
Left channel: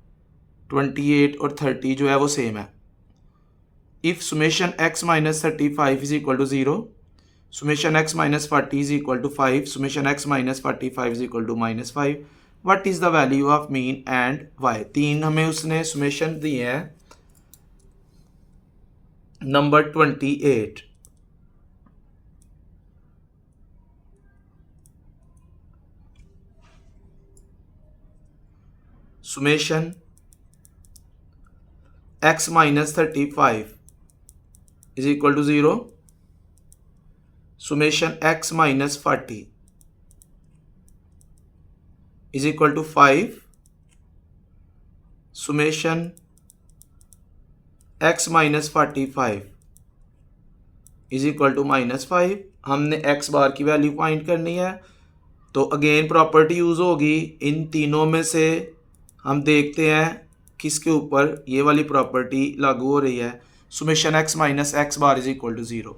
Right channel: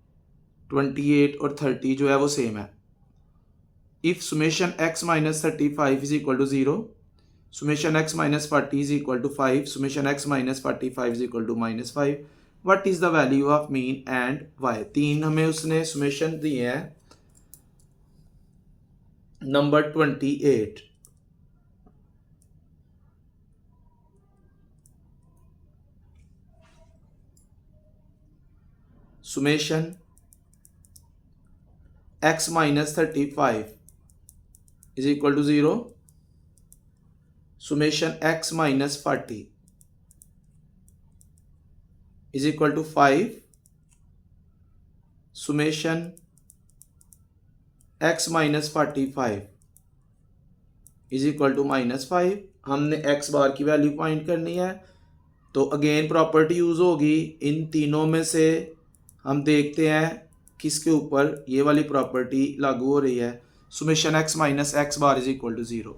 28 और 30 जो है वो सेम है। If summation x minus 35 is equal to 0, summation x minus 40 is equal to 5, summation x minus 45 is equal to -5, what is the value of mean and y। तीन हमें उसने सुमेशन दिए हैं। Number 28, summation x minus 35 is equal to 0, summation x minus 40 is equal to 5, summation x minus 45 is equal to -5। हमने x bar की value find करनी है। तो अगेन प्रॉपर्टी यूज़ होगी। इन तीनों में से हम देखते हैं किसके ऊपर ये वाली प्रॉपर्टी लागू हो रही है। Summation x minus x bar is equal to 0।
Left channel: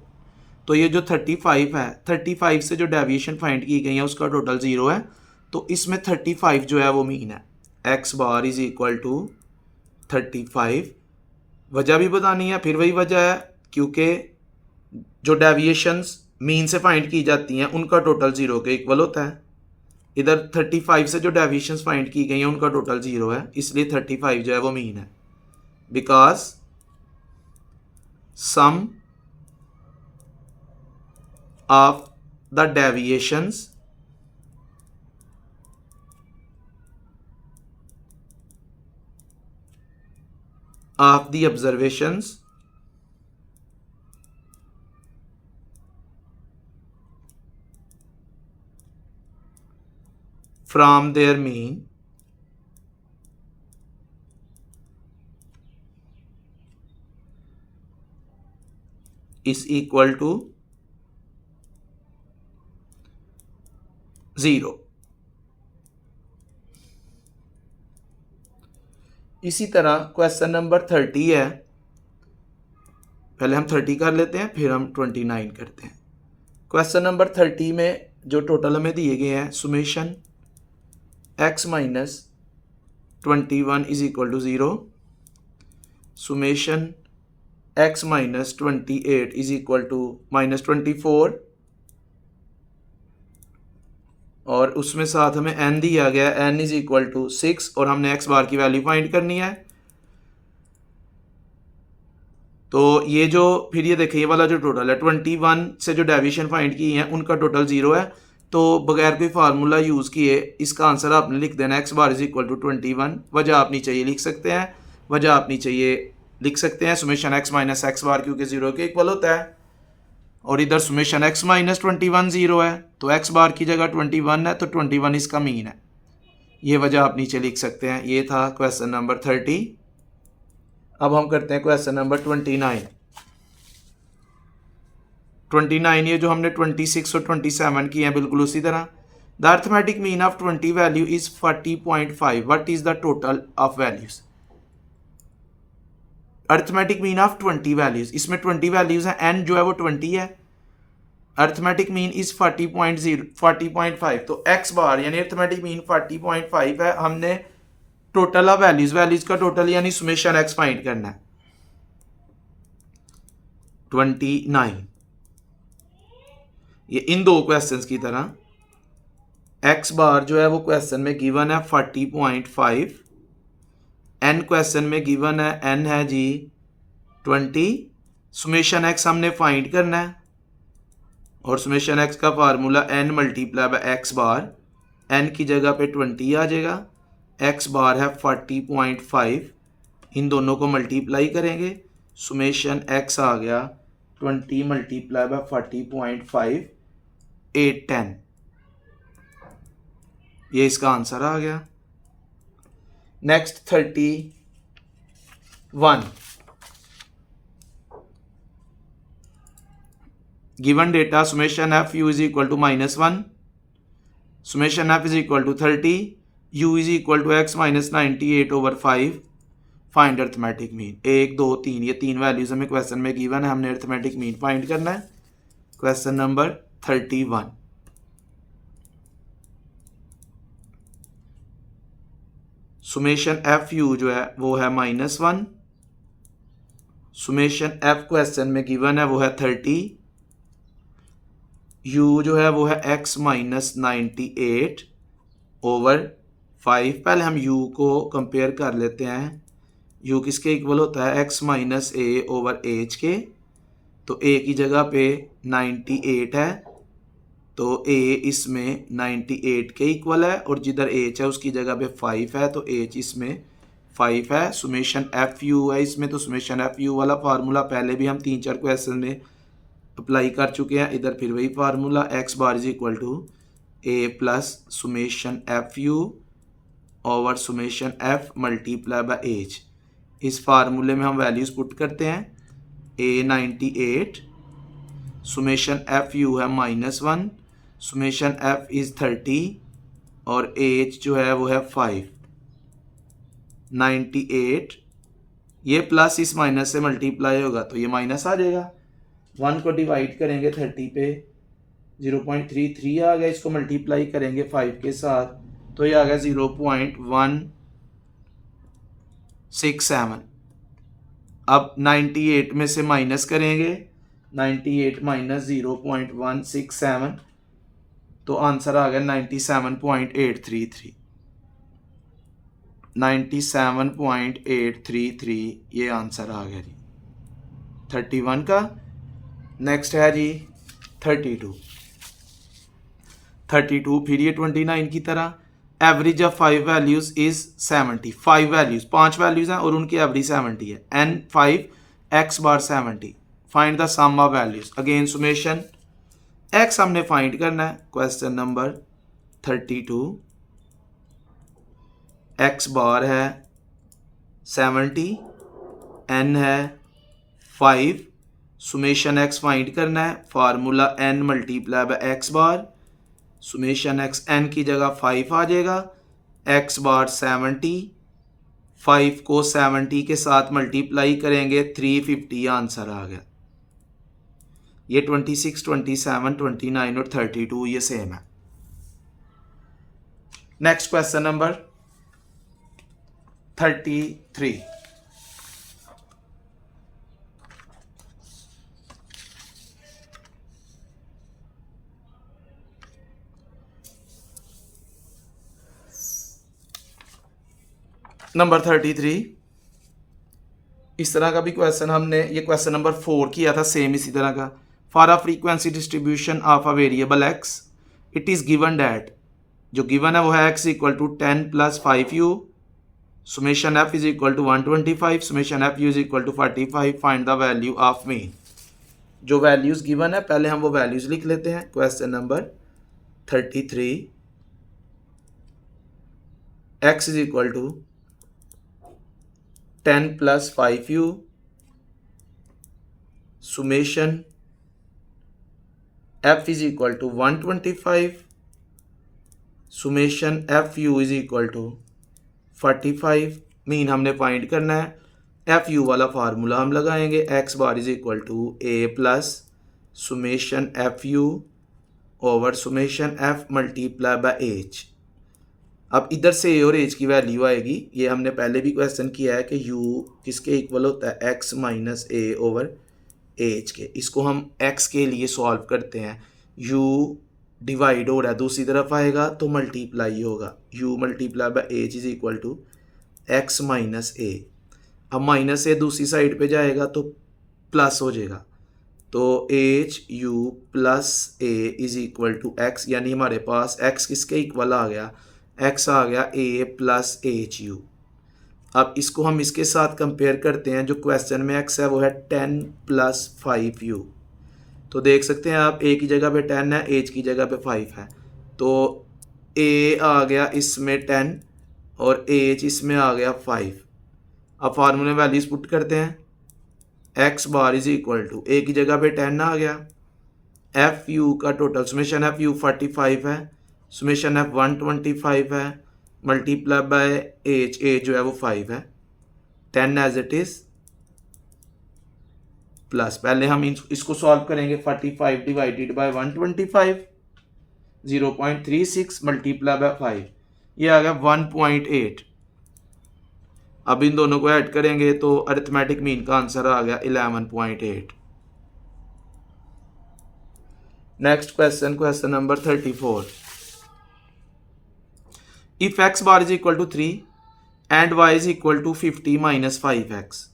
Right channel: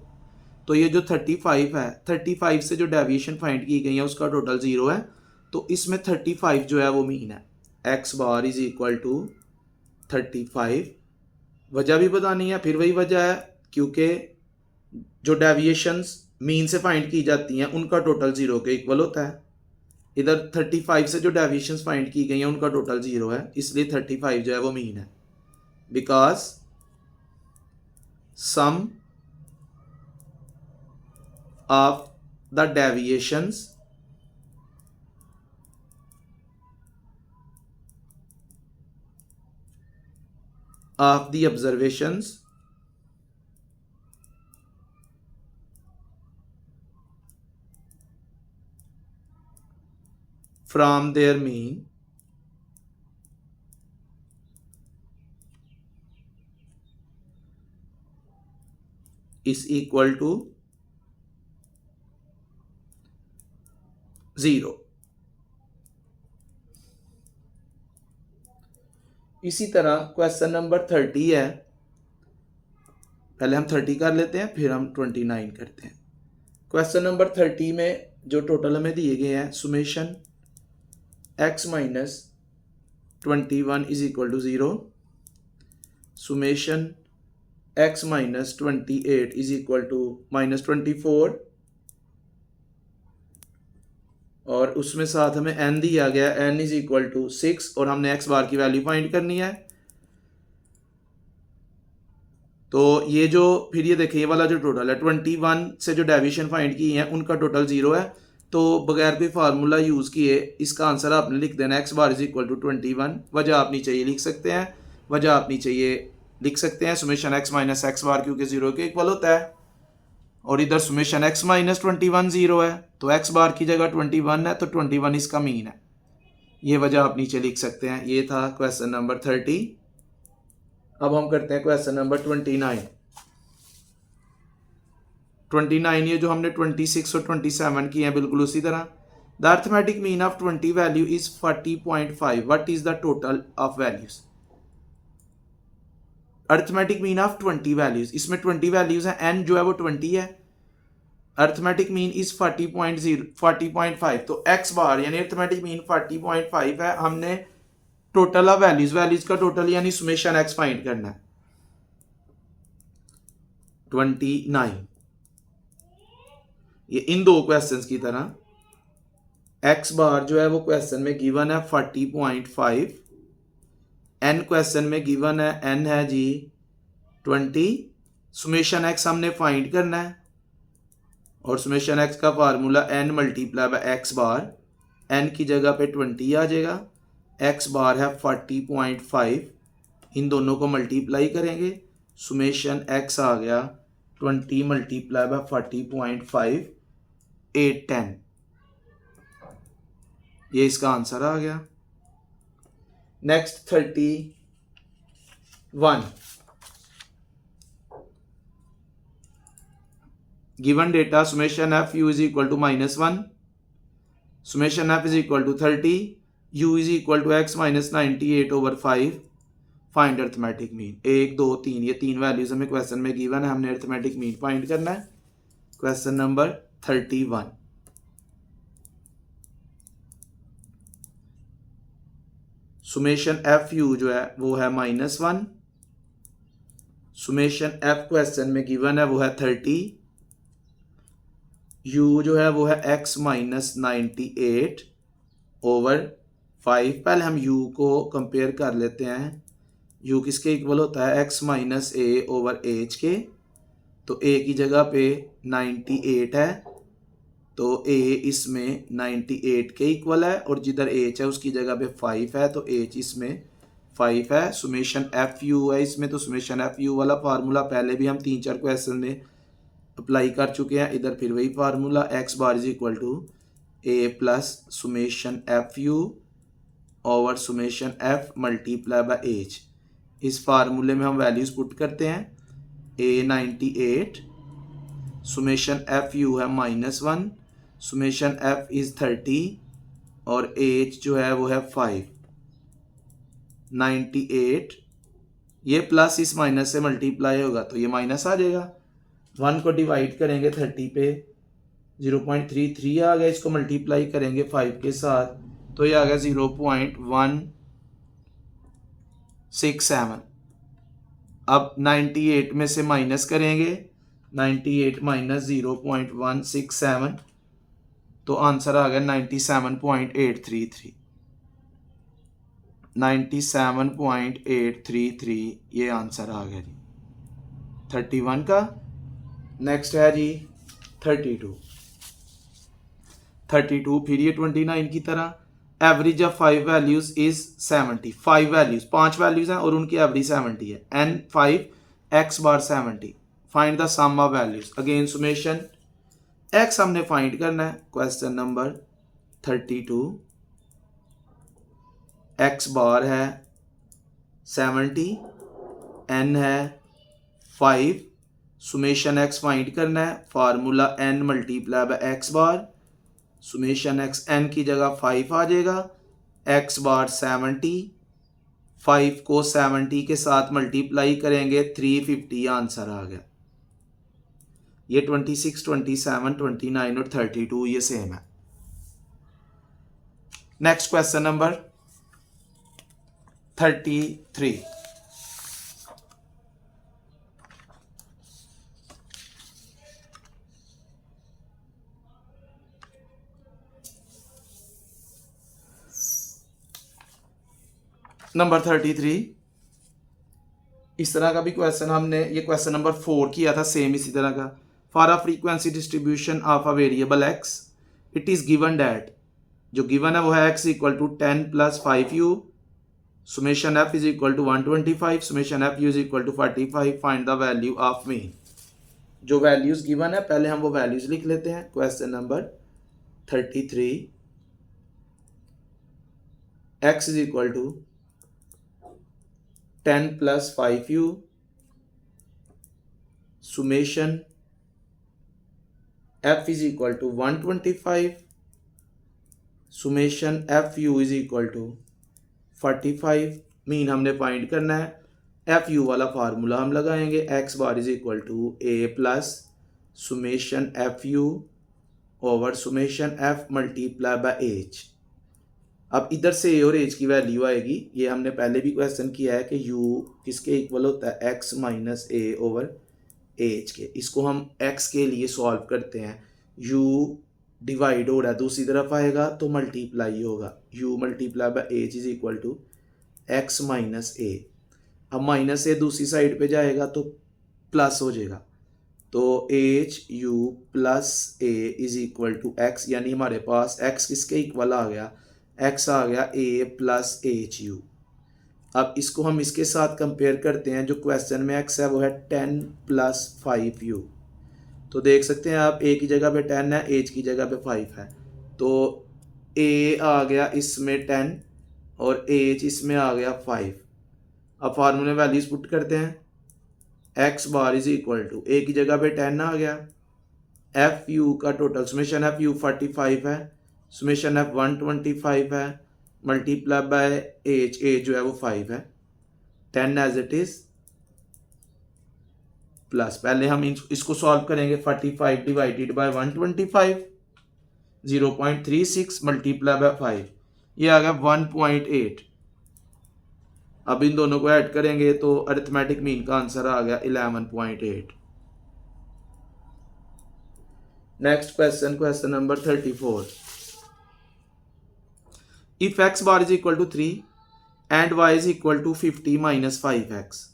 तो ये जो 35 है, 35 से जो डेविएशन फाइंड की गई है उसका टोटल 0 है। तो इसमें 35 जो है वो मीन है। X bar is equal to 35। वजह भी बतानी है, फिर वही वजह है क्योंकि जो डेविएशंस मीन से फाइंड की जाती हैं उनका टोटल 0 के इक्वल होता है। इधर 35 से जो डेविएशंस फाइंड की गई हैं उनका टोटल 0 है, इसलिए 35 जो है वो मीन है। Because sum of the deviations of the observations from their mean is equal to 0। इसी तरह क्वेश्चन नंबर 30 है। पहले हम 30 कर लेते हैं, फिर हम 29 करते हैं। क्वेश्चन नंबर 30 में जो टोटल हमें दिए गए हैं, summation x minus 21 is equal to 0, summation x minus 28 is equal to -24, और उसमें साथ हमें n दिया गया, n इज इक्वल टू 6, और हमने x बार की वैल्यू फाइंड करनी है। तो ये जो फिर ये देखिए, ये वाला जो टोटल है 21 से जो डेविएशन फाइंड की है उनका टोटल 0 है। तो बगैर कोई फार्मूला यूज़ किए इसका आंसर आपने लिख देना, x bar is equal to 21। वजह आप नीचे ये लिख सकते हैं, वजह आप नीचे ये लिख सकते हैं, सुमेशन x माइनस एक्स बार क्योंकि 0 के इक्वल होता है, और इधर सुमेशन x माइनस 21 0 है, तो x बार की जगह 21 है, तो 21 इसका मीन है। ये वजह आप नीचे लिख सकते हैं। ये था क्वेश्चन नंबर 30। अब हम करते हैं क्वेश्चन नंबर 29। 29 ये जो हमने 26 और 27 की हैं बिल्कुल उसी तरह। The arithmetic mean of 20 value is 40.5। What is the total of values. Arithmetic mean of 20 values, इसमें 20 वैल्यूज हैं, n जो है वो 20 है। अर्थमेटिक मीन इज 40.5, तो x बार यानी अर्थमेटिक मीन 40.5 है। हमने टोटल ऑफ वैल्यूज, वैल्यूज का टोटल यानी सुमेशन x फाइंड करना है। 29 ये इन दो क्वेश्चंस की तरह x बार जो है वो क्वेश्चन में गिवन है 40.5, n क्वेश्चन में गिवन है n है जी 20। सुमेशन x हमने फाइंड करना है, और सुमेशन x का formula n multiply by x bar, n की जगह पे 20 आ जाएगा। एक्स बार है 40.5, इन दोनों को मल्टीप्लाई करेंगे, सुमेशन एक्स आ गया 20 मल्टीप्लाई बाय 40.5 810, ये इसका आंसर आ गया। Next 31, given data summation f u is equal to -1, summation f is equal to 30, u is equal to x minus 98/5, find arithmetic mean. 1 2 3 ये 3 वैल्यूज हमें क्वेश्चन में given है, हमने अर्थमेटिक मीन फाइंड करना है। Question number 31, summation f you जो है वो है -1, सुमेशन एफ क्वेश्चन में गिवन है वो है 30, यू जो है वो है x माइनस 98/5। पहले हम u को कंपेयर कर लेते हैं, u किसके इक्वल होता है x माइनस a/h के, तो a की जगह पे 98 है, तो a इसमें 98 के इक्वल है, और जिधर h है उसकी जगह पे 5 है, तो h इसमें 5 है। सुमेशन एफ यू है इसमें, तो सुमेशन एफ यू वाला फार्मूला पहले भी हम 3-4 क्वेश्चन में अप्लाई कर चुके हैं, इधर फिर वही formula x bar is equal to a plus summation f u over summation f multiply by h. इस फार्मूले में हम वैल्यूज पुट करते हैं, ए 98, सुमेशन एफ यू है -1, सुमेशन एफ इज 30 और एच जो है वो है 5। 98 ये प्लस इस माइनस से मल्टीप्लाई होगा तो ये माइनस आ जाएगा, 1 को डिवाइड करेंगे 30 पे 0.33 आ गया, इसको मल्टीप्लाई करेंगे 5 के साथ तो ये आ गया 0.167। अब 98 में से माइनस करेंगे, 98 माइनस 0.167 तो आंसर आ गया 97.833। 97.833 ये आंसर आ गया जी 31 का। नेक्स्ट है जी 32। 32 फिर ये 29 की तरह, average of 5 values is 70। 5 values 5 values हैं और उनकी एवरेज 70 है, n 5 x bar 70, find the sum of values. Again summation x हमने फाइंड करना है। क्वेश्चन नंबर 32, x बार है 70, n है 5, सुमेशन x फाइंड करना है, formula n multiply by x bar, summation x n की जगह 5 आ जाएगा, x बार 70, 5 को 70 के साथ मल्टीप्लाई करेंगे 350 आंसर आ गया। ये 26, 27, 29 और 32 ये सेम है। Next question number 33। नंबर 33, इस तरह का भी क्वेश्चन हमने ये क्वेश्चन नंबर 4 किया था, सेम इसी तरह का। For a frequency distribution of a variable x it is given that, जो गिवन है वो है x equal to 10 + 5u, summation f is equal to 125, summation f u is equal to 45, find the value of mean. जो values given है पहले हम वो values लिख लेते हैं। Question number 33, x is equal to 10 + 5u, summation f is equal to 125, summation fu is equal to 45। Mean हमने find करना है। fu वाला फार्मूला हम लगाएंगे, x bar is equal to a plus summation fu over summation f multiply by h। अब इधर से a और h की वैल्यू आएगी, ये हमने पहले भी क्वेश्चन किया है कि u किसके इक्वल होता है x minus a over h के। इसको हम x के लिए सॉल्व करते हैं, u डिवाइड हो रहा है दूसरी तरफ आएगा तो मल्टीप्लाई होगा, u multiply by h is equal to x minus a। अब माइनस a दूसरी साइड पे जाएगा तो प्लस हो जाएगा, तो h u plus a is equal to x, यानी हमारे पास x किसके इक्वल आ गया, x आ गया a प्लस एच यू। अब इसको हम इसके साथ कंपेयर करते हैं, जो क्वेश्चन में x है वो है 10 प्लस 5u। तो देख सकते हैं आप, a की जगह पे 10 है, h की जगह पे 5 है, तो a आ गया इसमें 10 और h इसमें आ गया 5। अब फार्मूले वैल्यूज पुट करते हैं, x bar is equal to a की जगह पे 10 आ गया, एफ यू का टोटल समेशन एफ यू 45 है, समेशन एफ 125 है, मल्टीप्लाई बाय एच, एच जो है वो 5 है, 10 एज इट इज प्लस, पहले हम इसको सॉल्व करेंगे, 45 डिवाइडेड बाय 125, 0.36 मल्टीप्लाई बाय 5, ये आ गया 1.8। अब इन दोनों को ऐड करेंगे तो अरिथमेटिक मीन का आंसर आ गया 11.8। Next question, question number 34। If x bar is equal to 3 and y is equal to 50 minus 5x,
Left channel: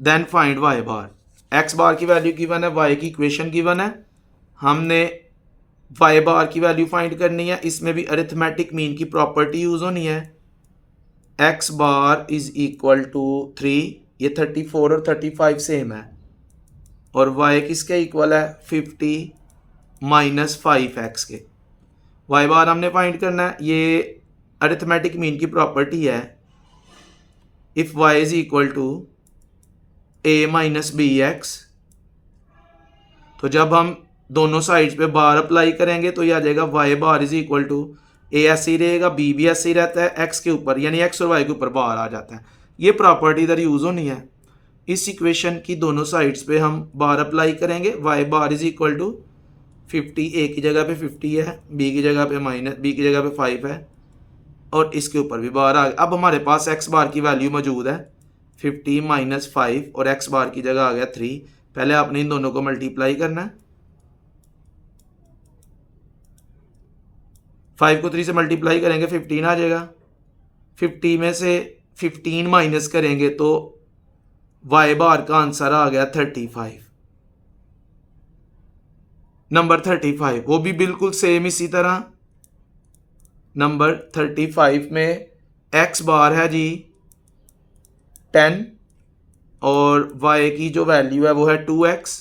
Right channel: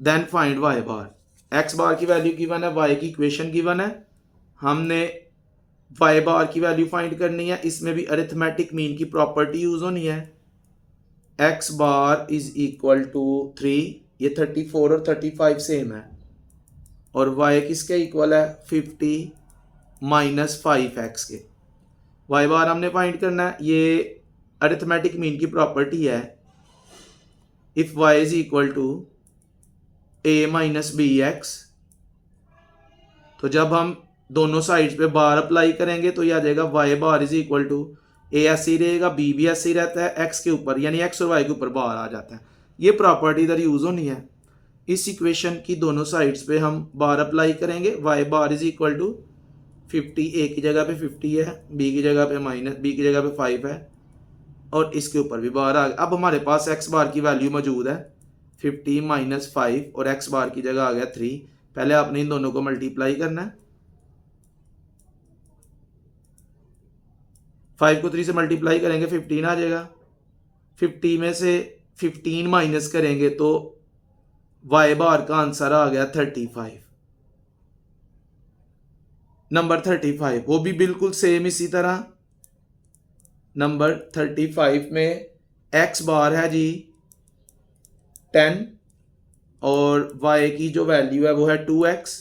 then find y bar. x bar की वैल्यू गिवन है, y की इक्वेशन गिवन है, हमने y बार की value find करनी है। इसमें भी अरिथमेटिक मीन की प्रॉपर्टी यूज होनी है। x bar is equal to 3, ये 34 और 35 सेम है, और y किसके इक्वल है, 50 माइनस 5x के। y बार हमने फाइंड करना है, ये अरिथमेटिक मीन की प्रॉपर्टी है। If y is equal to a minus B X, तो जब हम दोनों साइड्स पे बार अप्लाई करेंगे तो ये आ जाएगा y bar is equal to a ऐसे ही रहेगा, b भी ऐसे ही रहता है, x के ऊपर यानी x और y के ऊपर बार आ जाता है। ये प्रॉपर्टी इधर यूज होनी है। इस इक्वेशन की दोनों साइड्स पे हम बार अप्लाई करेंगे, y bar is equal to 50, a की जगह पे 50 है, b की जगह पे b की जगह पे 5 है, और इसके ऊपर भी बार आ गया। अब हमारे पास x बार की वैल्यू मौजूद है 50 माइनस 5 और x बार की जगह आ गया 3। पहले आपने इन दोनों को मल्टीप्लाई करना है, 5 को 3 से मल्टीप्लाई करेंगे 15 आ जाएगा, 50 में से 15 माइनस करेंगे तो y बार का आंसर आ गया 35। नंबर 35 वो भी बिल्कुल सेम इसी तरह। नंबर 35 में x बार है जी 10 और y की जो वैल्यू है वो है 2x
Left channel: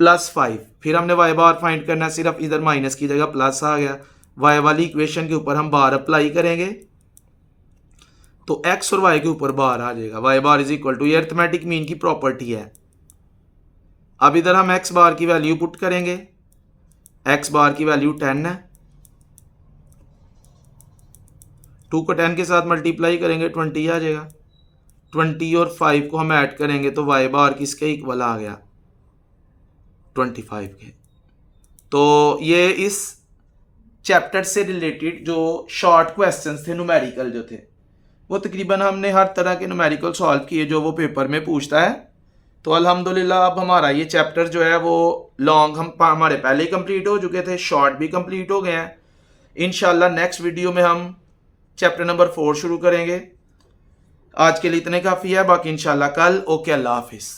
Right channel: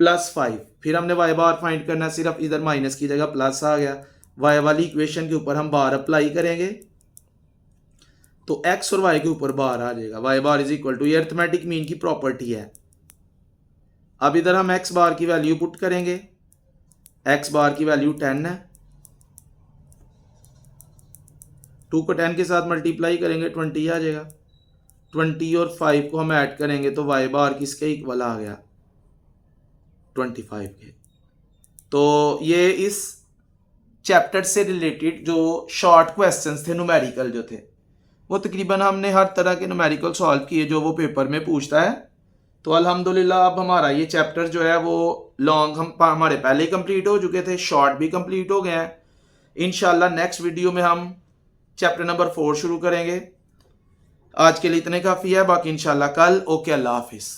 प्लस 5। फिर हमने y बार फाइंड करना है, सिर्फ इधर माइनस की जगह प्लस आ गया। y वाली इक्वेशन के ऊपर हम बार अप्लाई करेंगे तो x और y के ऊपर बार आ जाएगा, y bar is equal to, ये अरिथमेटिक मीन की प्रॉपर्टी है। अब इधर हम x बार की वैल्यू पुट करेंगे, x बार की वैल्यू 10 है, 2 को 10 के साथ मल्टीप्लाई करेंगे 20 आ जाएगा, 20 और 5 को हम ऐड करेंगे तो y बार किसके इक्वल आ गया, 25 के। तो ये इस चैप्टर से रिलेटेड जो शॉर्ट क्वेश्चंस थे, न्यूमेरिकल जो थे, वो तकरीबन हमने हर तरह के न्यूमेरिकल सॉल्व किए जो वो पेपर में पूछता है। तो अल्हम्दुलिल्लाह अब हमारा ये चैप्टर जो है वो लॉन्ग हमारे पहले ही कंप्लीट हो चुके थे, शॉर्ट भी कंप्लीट हो गए हैं। इंशाल्लाह नेक्स्ट वीडियो में हम चैप्टर नंबर 4 शुरू करेंगे। आज के लिए इतने काफ़ी है, बाकी इंशाल्लाह कल। ओके, अल्लाह हाफिज़।